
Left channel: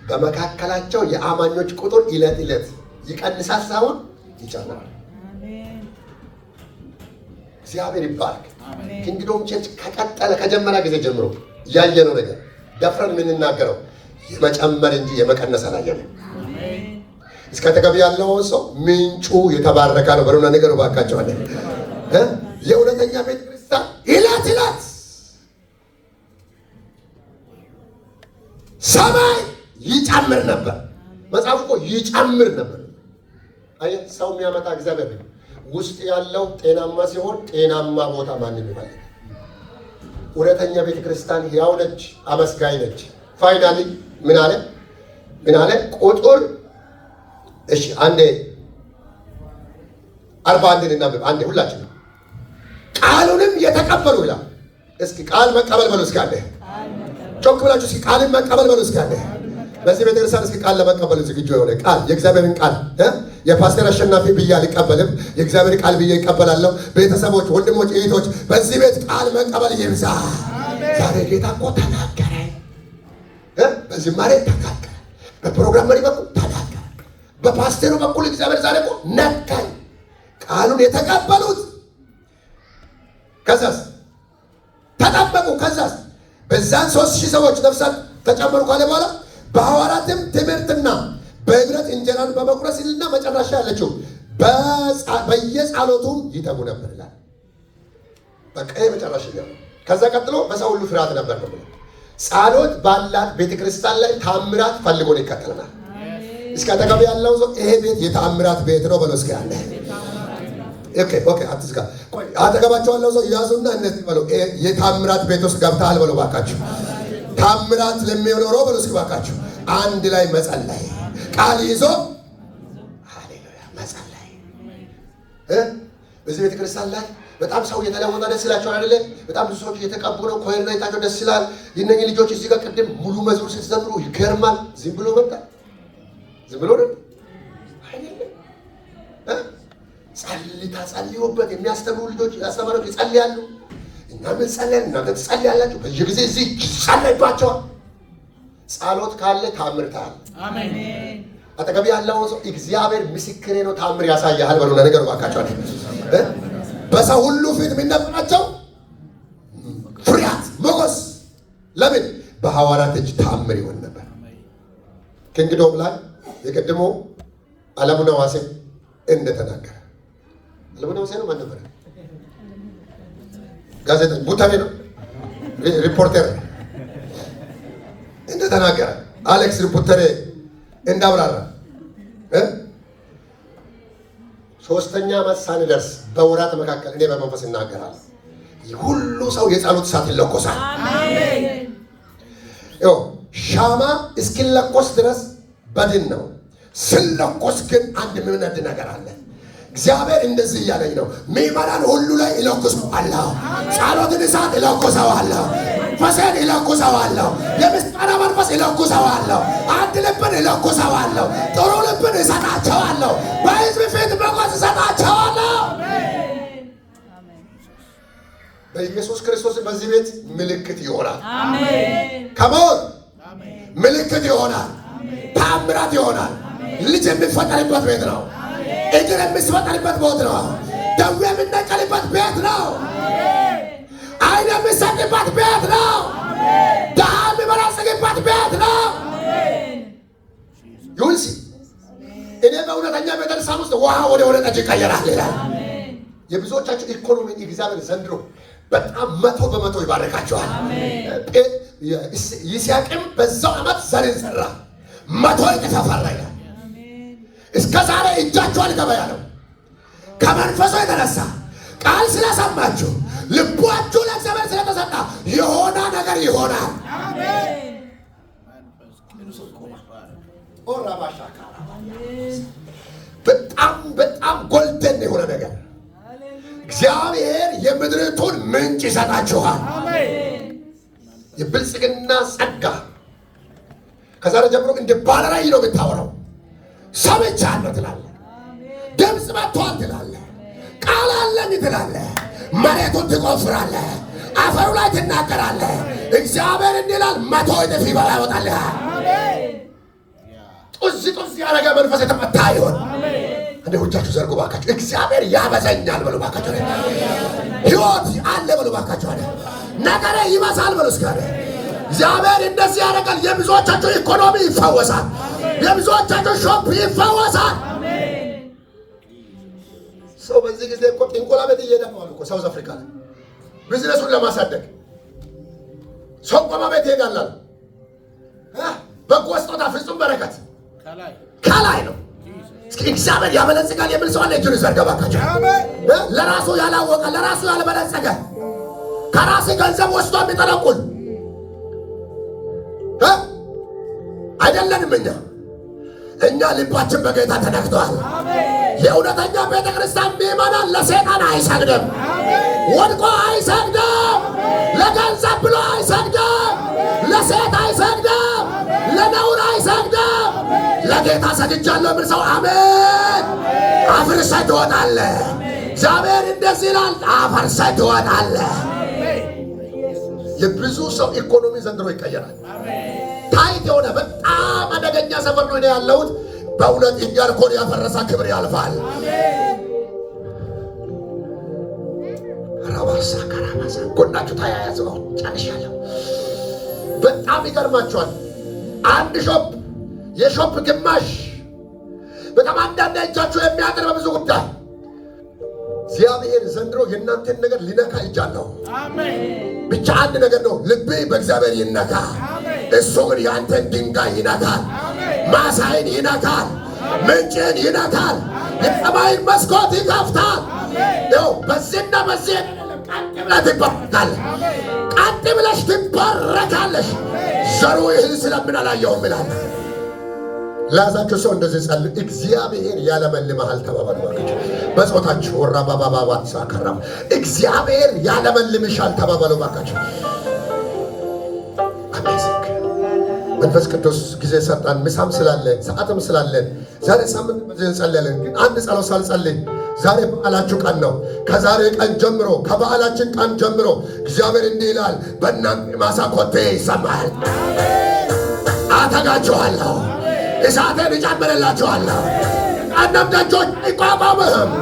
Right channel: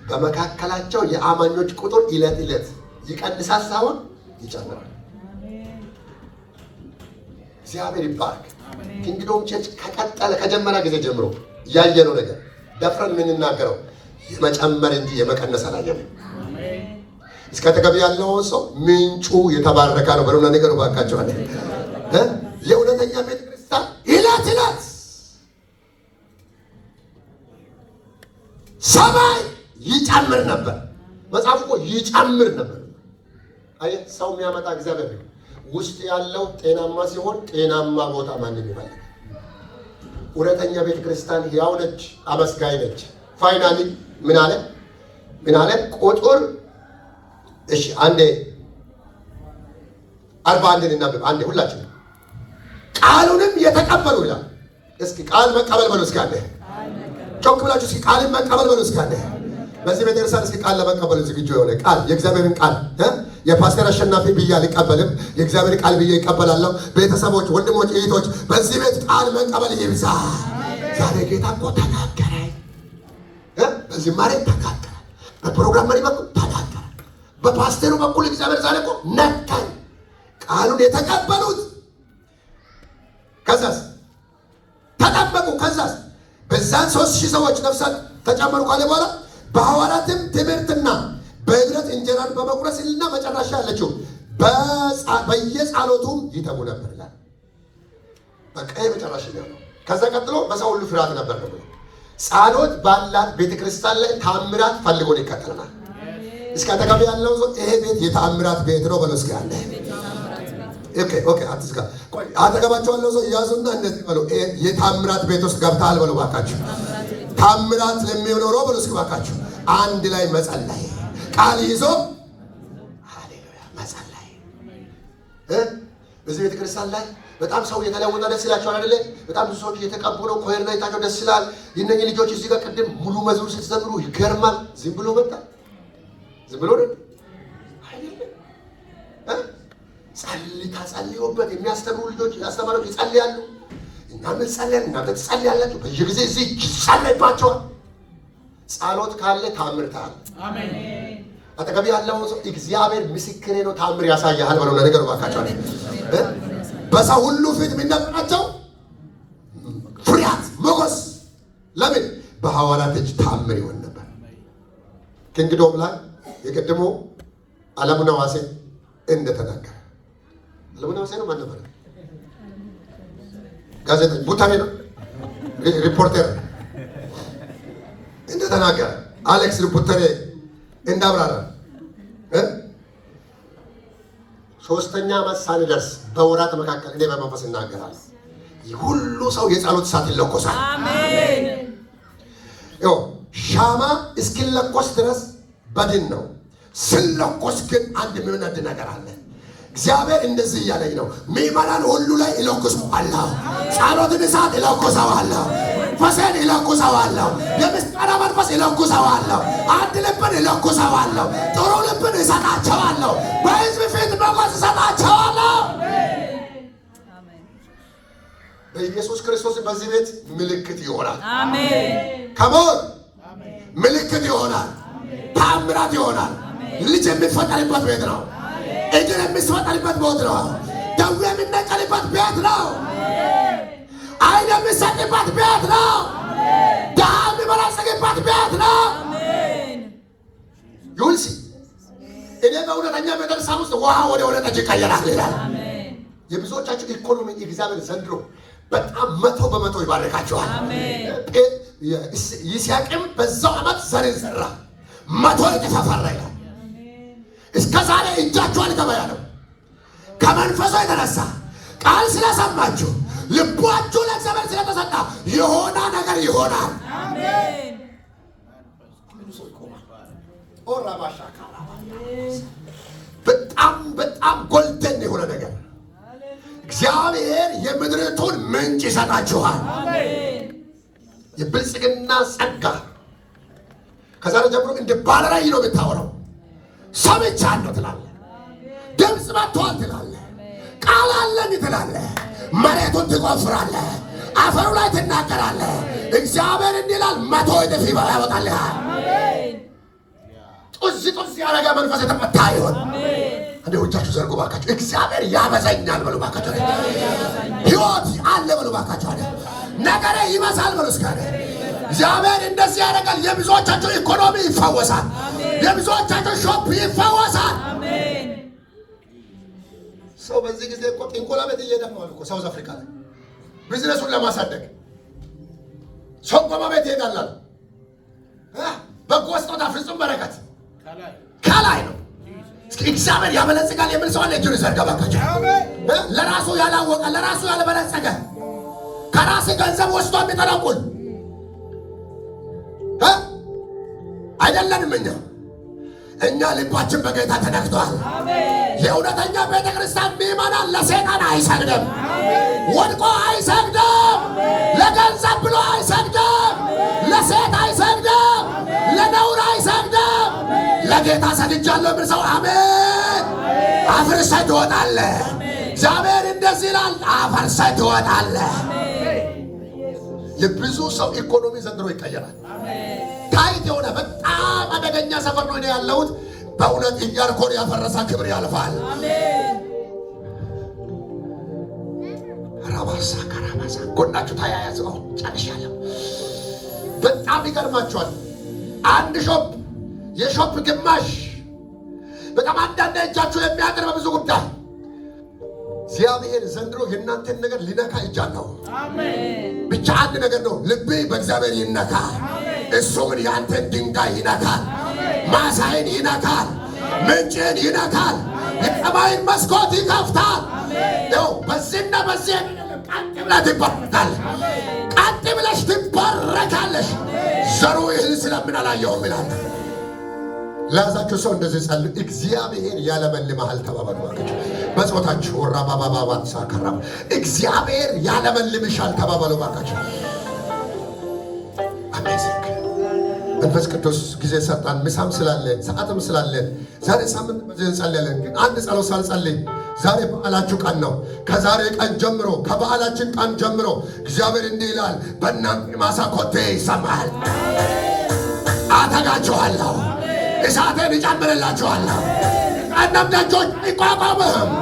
በመካከላቸው የአማኞች ቁጥር ዕለት ዕለት ይቀንሳል ሳይሆን ይጨምራል። እግዚአብሔር ይባርክ። ኪንግዶም ቸርች ከቀጠለ ከጀመረ ጊዜ ጀምሮ ያየነው ነገር ደፍረን የምንናገረው የመጨመር እንጂ የመቀነስ አላየንም። እስከ ተገቢ ያለው ሰው ምንጩ የተባረከ ነው በሉና ነገሩ ባካቸው አለ። የእውነተኛ ቤተክርስቲያን ዕለት ዕለት ሰማይ ይጨምር ነበር። መጽሐፉ እኮ ይጨምር ነበር። አይ ሰው የሚያመጣ እግዚአብሔር ነው። ውስጥ ያለው ጤናማ ሲሆን ጤናማ ቦታ ማንም ይፈልጋል። እውነተኛ ቤተክርስቲያን ሕያው ነች፣ አመስጋኝ ነች። ፋይናሊ ምን አለ ቁጥር እሺ አንዴ 41 እናንብብ። አንዴ ሁላችን ቃሉንም የተቀበሉ ይላል። እስኪ ቃል መቀበል በሉ እስኪ አንዴ ጮክ ብላችሁ እስኪ ቃልን መቀበል በሉ እስኪ አንዴ። በዚህ ቤተክርስቲያን እስኪ ቃል ለመቀበል ዝግጁ የሆነ ቃል የእግዚአብሔርን ቃል የፓስተር አሸናፊ ብዬ አልቀበልም። የእግዚአብሔር ቃል ብዬ ይቀበላለሁ። ቤተሰቦች፣ ወንድሞች፣ እህቶች በዚህ ቤት ቃል መቀበል ይብዛ። ዛሬ ጌታ እኮ ተናገረ። በዝማሬ ተናገረ። በፕሮግራም መሪ በኩል ተናገረ። በፓስተሩ በኩል እግዚአብሔር ዛሬ እኮ ነካኝ። ቃሉን የተቀበሉት ከዛስ ተጠበቁ። ከዛስ በዛን 3000 ሰዎች ነፍሳት ተጨመሩ ካለ በኋላ በሐዋርያትም ትምህርትና በህብረት እንጀራን በመቁረስ ይልና መጨረሻ ያለችው በየጸሎቱም ይተጉ ነበር ይላል። በቃ መጨረሻ ነው። ከዛ ቀጥሎ በሰው ሁሉ ፍርሃት ነበር ነው። ጸሎት ባላት ቤተክርስቲያን ላይ ታምራት ፈልጎን ይከተለናል። እስከ ተቀበል ያለው ሰው ይሄ ቤት የታምራት ቤት ነው በለው እስኪ አለ። ኦኬ አትስጋ። ቆይ አጠገባቸው ያለው ሰው ያዙና እንደዚህ በለው የታምራት ቤት ውስጥ ገብተሃል በለው ባካችሁ። ታምራት ለሚኖረው በለው እስኪ ባካችሁ አንድ ላይ መጸለይ ቃል ይዞ ሃሌሉያ መጸለይ። በዚህ ቤተክርስቲያን ላይ በጣም ሰው የተለወጠ ደስ ይላቸዋል አይደለ? በጣም ብዙ ሰዎች እየተቀቡ ነው። ኮይር ላይ ታቸው ደስ ይላል። የእነኚህ ልጆች እዚህ ጋር ቅድም ሙሉ መዝሙር ስትዘምሩ ይገርማል። ዝም ብሎ መጣ ዝም ብሎ ነው አይደለም። ጸልዩበት የሚያስተምሩ ልጆች ያስተማሩት ይጸልያሉ። እናንተ ጸልያን እናንተ ትጸልያላችሁ። በየጊዜ እዚህ ይጸልይባቸዋል። ጸሎት ካለ ታምር ታል አሜን። አጠገብ ያለው ሰው እግዚአብሔር ምስክሬ ነው ታምር ያሳያል በለው ለነገሩ ባካቸው በሰው ሁሉ ፊት የሚነበራቸው ፍርሃት፣ ሞገስ። ለምን? በሐዋርያት እጅ ተአምር ይሆን ነበር። ከእንግዲህም ላይ የቀድሞ አለሙነ ዋሴ እንደተናገረ አለሙነ ዋሴ ነው ማለት ነው። ጋዜጠኛ ቡታኔ ነው ሪፖርተር እንደተናገረ አሌክስ ሪፖርተር እንዳብራራ ሶስተኛ ዓመት ሳንደርስ በወራት መካከል እኔ በመንፈስ እናገራለሁ። ሁሉ ሰው የጸሎት እሳት ይለኮሳል። አሜን። ሻማ እስኪለኮስ ድረስ በድን ነው። ስለኮስ ግን አንድ የሚነድ ነገር አለ። እግዚአብሔር እንደዚህ እያለኝ ነው። ምዕመናን ሁሉ ላይ እለኩሰዋለሁ። ጸሎትን እሳት እለኩሰዋለሁ። መንፈስን እለኩሰዋለሁ። የምስጋና መንፈስ እለኩሰዋለሁ። አንድ ልብን እለኩሰዋለሁ። ጥሩ ልብን እሰጣቸዋለሁ። በሕዝብ ፊት ሞገስ እሰጣቸዋለሁ። በኢየሱስ ክርስቶስ በዚህ ቤት ምልክት ይሆናል። አሜን። ከሞት ምልክት ይሆናል። ተአምራት ይሆናል። ልጅ የሚፈጠርበት ቤት ነው። እግር የሚፈጠርበት ቤት ነው። ደዌ የሚነቀልበት ቤት ነው። ዓይን የሚሰጥበት ቤት ነው። ድሃ የሚበለጽግበት ቤት ነው። ይሁንሲ እኔ በእውነተኛ ቤተክርስቲያን ውስጥ ውሃ ወደ ወይን ጠጅ ይቀየራል ይላል። የብዙዎቻችን ኢኮኖሚ እግዚአብሔር ዘንድሮ በጣም 100% ይባርካቸዋል። ይስሐቅም በዛው ዓመት ዘርን ዘራ 100 እጥፍ አፈራ ይላል። እስከ ዛሬ እጃችሁ አልገበያ ነው። ከመንፈሱ የተነሳ ቃል ስለሰማችሁ ልባችሁ ለእግዚአብሔር ስለተሰጣ የሆነ ነገር ይሆናል። በጣም ጎልደን የሆነ ነገር እግዚአብሔር የምድሪቱን ምንጭ ይሰጣችኋል። የብልጽግና ጸጋ ከዛሬ ጀምሮ እንደ ባለራዕይ ነው የምታወራው። ሰምቻለሁ ትላለህ። ድምፅ መጥቷል ትላለህ። ቃል አለኝ ትላለህ። መሬቱን ትቆፍራለህ። አፈሩ ላይ ትናገራለህ። እግዚአብሔር እንዲህ ይላል 100 እጥፍ ያወጣልሃል። ጡዝ ያደረገ መንፈስ የተመታ ይሆን። እንደ እጃችሁ ዘርጉ ባካችሁ። እግዚአብሔር ያበዛኛል በሉ ባካችሁ። ሕይወት አለ በሉ ባካችሁ። ነገሬ ይበዛል በሉ እስኪ። እግዚአብሔር እንደዚህ ያደርጋል። የብዙዎቻችሁ ኢኮኖሚ ይፈወሳል። የብዙዎቻችሁ ሾፕ ይፈወሳል። ሰው በዚህ ጊዜ እኮ ጥንቆላ ቤት እየሄደ ነው እኮ ሳውዝ አፍሪካ ላይ ቢዝነሱን ለማሳደግ ሶንቆማ ቤት ይሄዳል። በጎ ስጦታ ፍጹም በረከት ከላይ ነው። እስኪ እግዚአብሔር ያበለጽጋል የሚል ሰው አለ? እጁን ይዘርጋ ባካችሁ። ለራሱ ያላወቀ ለራሱ ያልበለጸገ ከራሱ ገንዘብ ወስዶ የሚጠለቁል አይደለንም። እኛ ልባችን በጌታ ተነክቷል። የእውነተኛ ቤተ ክርስቲያን ምዕመናን ለሰይጣን አይሰግድም፣ ወድቆ አይሰግድም፣ ለገንዘብ ብሎ አይሰግድም፣ ለሴት አይሰግድም፣ ለነውር አይሰግድም። ለጌታ ሰግጃለሁ የሚል ሰው አሜን። አፍርሰህ ትወጣለህ። እግዚአብሔር እንደዚህ ይላል፣ አፍርሰህ ትወጣለህ። የብዙ ሰው ኢኮኖሚ ዘንድሮ ይቀየራል። ታይት የሆነ በጣም አደገኛ ሰፈር ነው እኔ ያለሁት። በእውነት ኢያሪኮን ያፈረሰ ክብር ያልፋል። ራባሳ ካራባሳ ጎናችሁ ተያያዙ። ጨርሻለሁ። በጣም ይገርማችኋል። አንድ ሾፕ የሾፕ ግማሽ በጣም አንዳንድ እጃችሁ የሚያቀርብ በብዙ ጉዳይ እግዚአብሔር ዘንድሮ የእናንተን ነገር ሊነካ ይጃለሁ። ብቻ አንድ ነገር ነው፣ ልቤ በእግዚአብሔር ይነካ። እሱ ግን የአንተን ድንጋይ ይነካል፣ ማሳይን ይነካል፣ ምንጭን ይነካል፣ የሰማይን መስኮት ይከፍታል። በዚህና በዚህ ቀጥ ብለህ ትባረካለህ። ቀጥ ብለሽ ትባረካለሽ። ዘሩ ይህን ስለምን አላየሁም ይላል። ለያዛችሁ ሰው እንደዚህ ጸልዩ። እግዚአብሔር ያለመልምሃል ተባባሉ ባካችሁ። በጾታችሁ ወራባባባባት ሳከራም እግዚአብሔር ያለመልምሻል ተባባሉ ባካችሁ። አሜዚንግ መንፈስ ቅዱስ ጊዜ ሰጣን። ምሳም ስላለ ሰዓትም ስላለ ዛሬ ሳምንት በዚህ እንጸልያለን። ግን አንድ ጸሎት ሳልጸልይ ዛሬ በዓላችሁ ቀን ነው። ከዛሬ ቀን ጀምሮ ከበዓላችን ቀን ጀምሮ እግዚአብሔር እንዲህ ይላል፣ በእናንተ ማሳ ኮቴ ይሰማል። አተጋችኋለሁ፣ እሳቴን እጨምርላችኋለሁ። ቀደም ደጆች አይቋቋምህም፣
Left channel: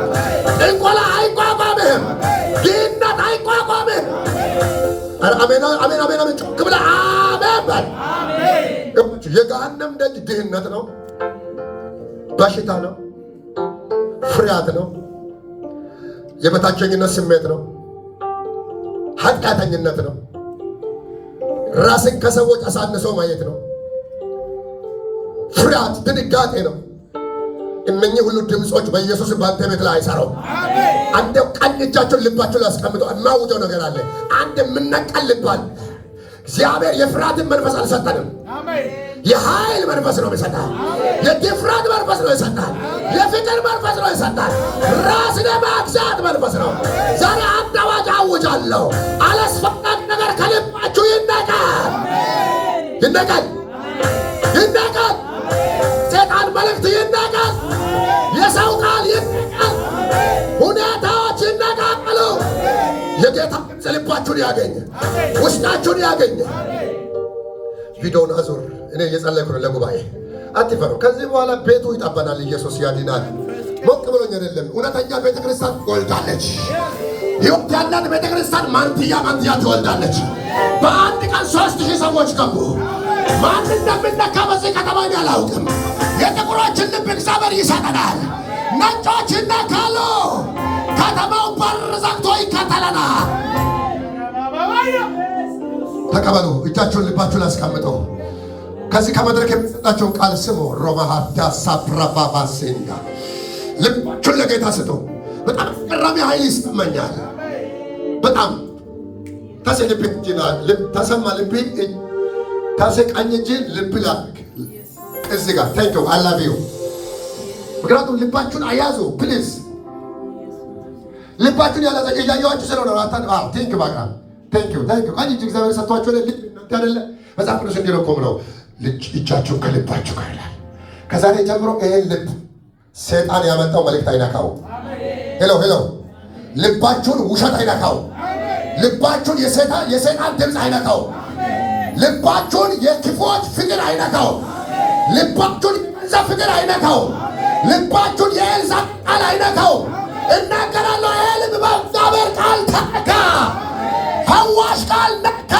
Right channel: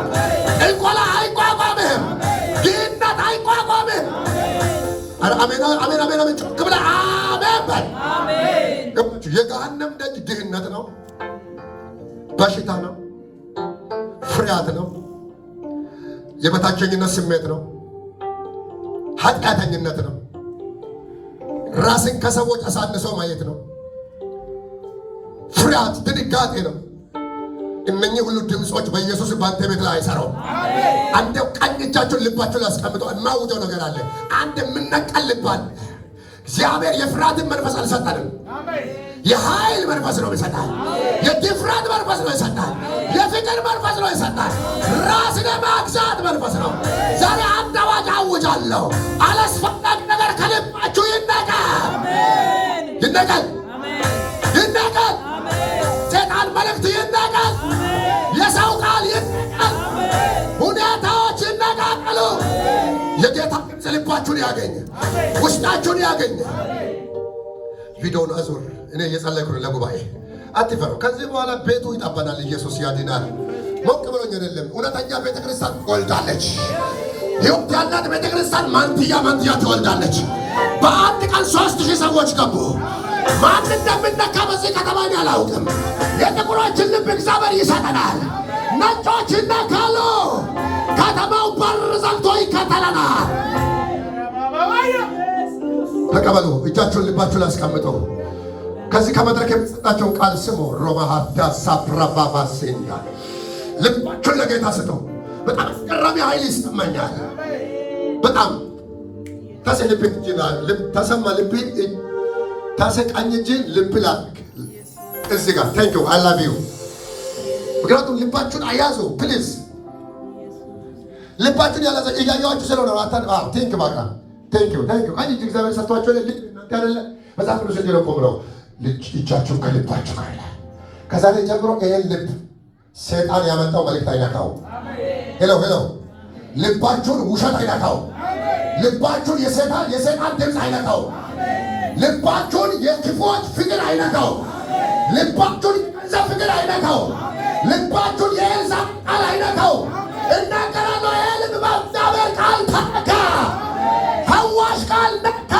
ጥንቆላ አይቋቋምህም። አሜን አሜን አሜን አሜን። ጮክ ብለህ አሜን በል። የገሃነም ደጅ ድህነት ነው፣ በሽታ ነው፣ ፍርሃት ነው፣ የበታቸኝነት ስሜት ነው፣ ኃጢአተኝነት ነው፣ ራስን ከሰዎች አሳንሶ ማየት ነው፣ ፍርሃት፣ ድንጋጤ ነው። እነኚህ ሁሉ ድምጾች በኢየሱስ ባንተ ቤት ላይ አይሰራም። አንተ ቀኝ እጃችሁን ልባችሁ ላይ አስቀምጠው። የማውጀው ነገር አለ። አንድ የምነቀል ልባል እግዚአብሔር የፍርሃትን መንፈስ አልሰጠንም። የኃይል መንፈስ ነው ይሰጣል። የድፍረት መንፈስ ነው ይሰጣል። የፍቅር መንፈስ ነው ይሰጣል። ራስን የማግዛት መንፈስ ነው። ዛሬ አንድ አዋጅ አውጃለሁ። አላስፈላጊ ነገር ከልባችሁ ይነቀል፣ ይነቀል፣ ይነቀል። ሰይጣን መልእክት ይነቀል። የሰው ቃል ይነቀል። ሁኔታዎች ይነቃቀሉ። የጌታ ድምፅ ልባችሁን ያገኘ፣ ውስጣችሁን ያገኘ። ቪዲዮውን አዙር። እኔ እየጸለይኩ ነው ለጉባኤ። አትፈሩ። ከዚህ በኋላ ቤቱ ይጠበናል። ኢየሱስ ያድናል። ሞቅ ብሎኝ አይደለም። እውነተኛ ቤተክርስቲያን ትወልዳለች። ሕይወት ያላት ቤተክርስቲያን ማንትያ ትወልዳለች። በአንድ ቀን 3000 ሰዎች ገቡ። ማን እንደምነካ በዚህ ከተማ አላውቅም። የጥቁሮችን ልብ እግዚአብሔር ይሰጠናል። ነጮች ይነካሉ። ከተማው በር ዘግቶ ይከተለናል። ተቀበሉ። እጃችሁን ልባችሁን አስቀምጠው። ከዚህ ከመድረክ የሚሰጣቸውን ቃል ስሙ። ሮማሃዳ ሳፕራባባሴንዳ ልባችሁን ለጌታ ስጠው። በጣም አስገራሚ ኃይል ይሰማኛል። በጣም ታሴ ልብ ይላል። ተሰማ ልብ ታሴ ቀኝ እጅ ልብ ላክ እዚህ ጋር ቴንኪው አይ ላቭ ዩ። ምክንያቱም ልባችሁን አያዙ ፕሊዝ። ልባችሁን ያላዘ እያያችሁ ስለሆነ ቴንኪው ባካ ቴንኪው ቀኝ እጅ እግዚአብሔር ሰጥቷቸው ልብ ያደለ መጽሐፍ ቅዱስ እንዲህ ነው እኮ ብለው እጃችሁን ከልባችሁ ጋር ይላል። ከዛሬ ጀምሮ ይሄን ልብ ሰይጣን ያመጣው መልእክት አይነካው። ሄሎ ልባችሁን ውሸት አይነካው። ልባችሁን የሰይጣን ድምፅ አይነካው። ልባችሁን የክፎች ፍቅር አይነካው። ልባችሁን የገንዘብ ፍቅር አይነካው። ልባችሁን የኤልዛቤል ቃል አይነካው። እናገራለሁ። ይሄ ልብ በእግዚአብሔር ቃል ተነካ። ፈዋሽ ቃል ነካ።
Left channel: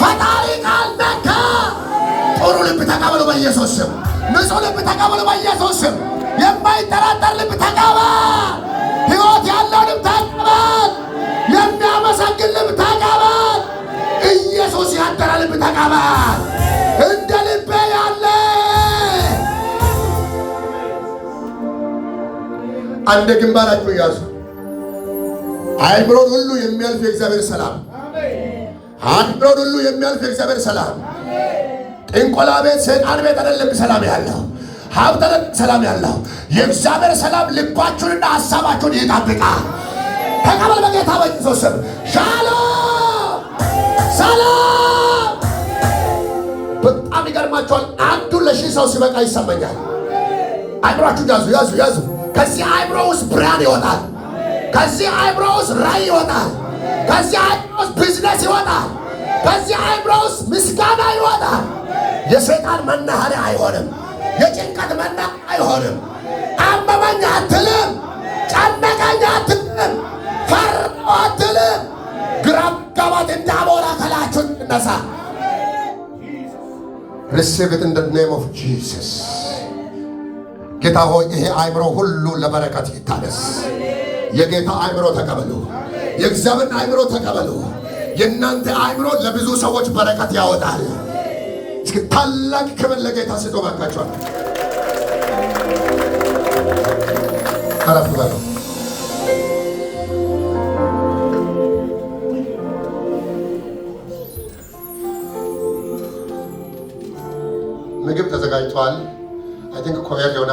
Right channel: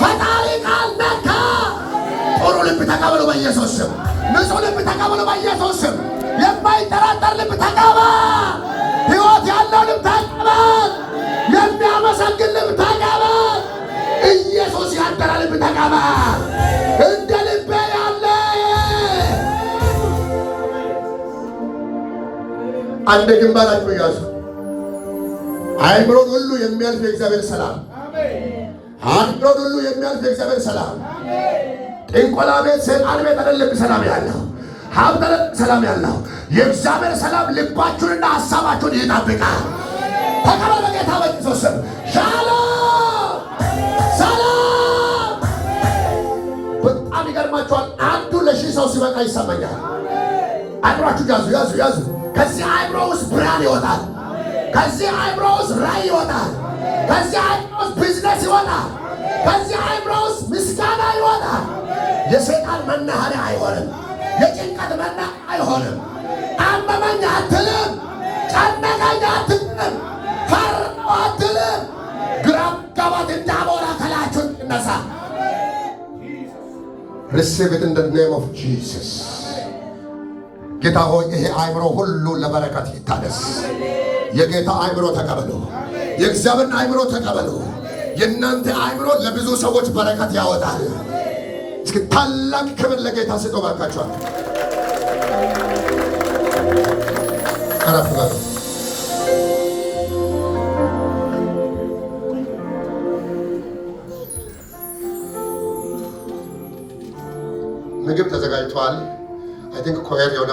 ፈጣሪ ቃል ነካ። ጥሩ ልብ ተቀበሉ በኢየሱስ ስም። ንጹሕ ልብ ተቀበሉ በኢየሱስ ስም። የማይጠራጠር ልብ ተቀበል። ሕይወት ያለው ልብ ተቀበል። የሚያመሰግን ልብ ተቀበል። ኢየሱስ ያደረ ልብ ተቀበል። እንደ ልቤ ያለ አንድ ግንባራችሁ ያዙ። አእምሮን ሁሉ የሚያልፍ የእግዚአብሔር ሰላም፣ አእምሮን ሁሉ የሚያልፍ የእግዚአብሔር ሰላም። ጥንቆላ ቤት፣ ሰይጣን ቤት አይደለም ሰላም ያለው፣ ሀብት ሰላም ያለው የእግዚአብሔር ሰላም ልባችሁንና ሐሳባችሁን ይጠብቃል። ተቀበሉ በጌታ በኢየሱስ ስም። ሻሎም ሰላም። በጣም ይገርማችኋል። አንዱ ለ1000 ሰው ሲበቃ ይሰማኛል። አእምሯችሁ ያዙ። ከዚህ አእምሮ ውስጥ ብርሃን ይወጣል። ከዚህ አእምሮ ውስጥ ራዕይ ይወጣል። ከዚህ አእምሮ ውስጥ ቢዝነስ ይወጣል። ከዚህ አእምሮ ውስጥ ምስጋና ይወጣል። የሰይጣን መናኸሪያ አይሆንም። የጭንቀት መናኸሪያ አይሆንም። አመመኝ አትልም። ጨነቀኝ አትልም። ፈራሁ አትልም። ግራ መጋባት እንዳሞራ ከላያችሁ ይነሳ። Receive it in the name of Jesus. ጌታ ሆይ ይሄ አእምሮ ሁሉ ለበረከት ይታደስ። የጌታ አእምሮ ተቀበሉ። የእግዚአብሔር አእምሮ ተቀበሉ። የእናንተ አእምሮ ለብዙ ሰዎች በረከት ያወጣል። እስኪ ታላቅ ክብር ለጌታ ስጡ ባካችኋል። አረፍ በሉ። ምግብ ተዘጋጅቷል። አይ ቲንክ ኮየር የሆነ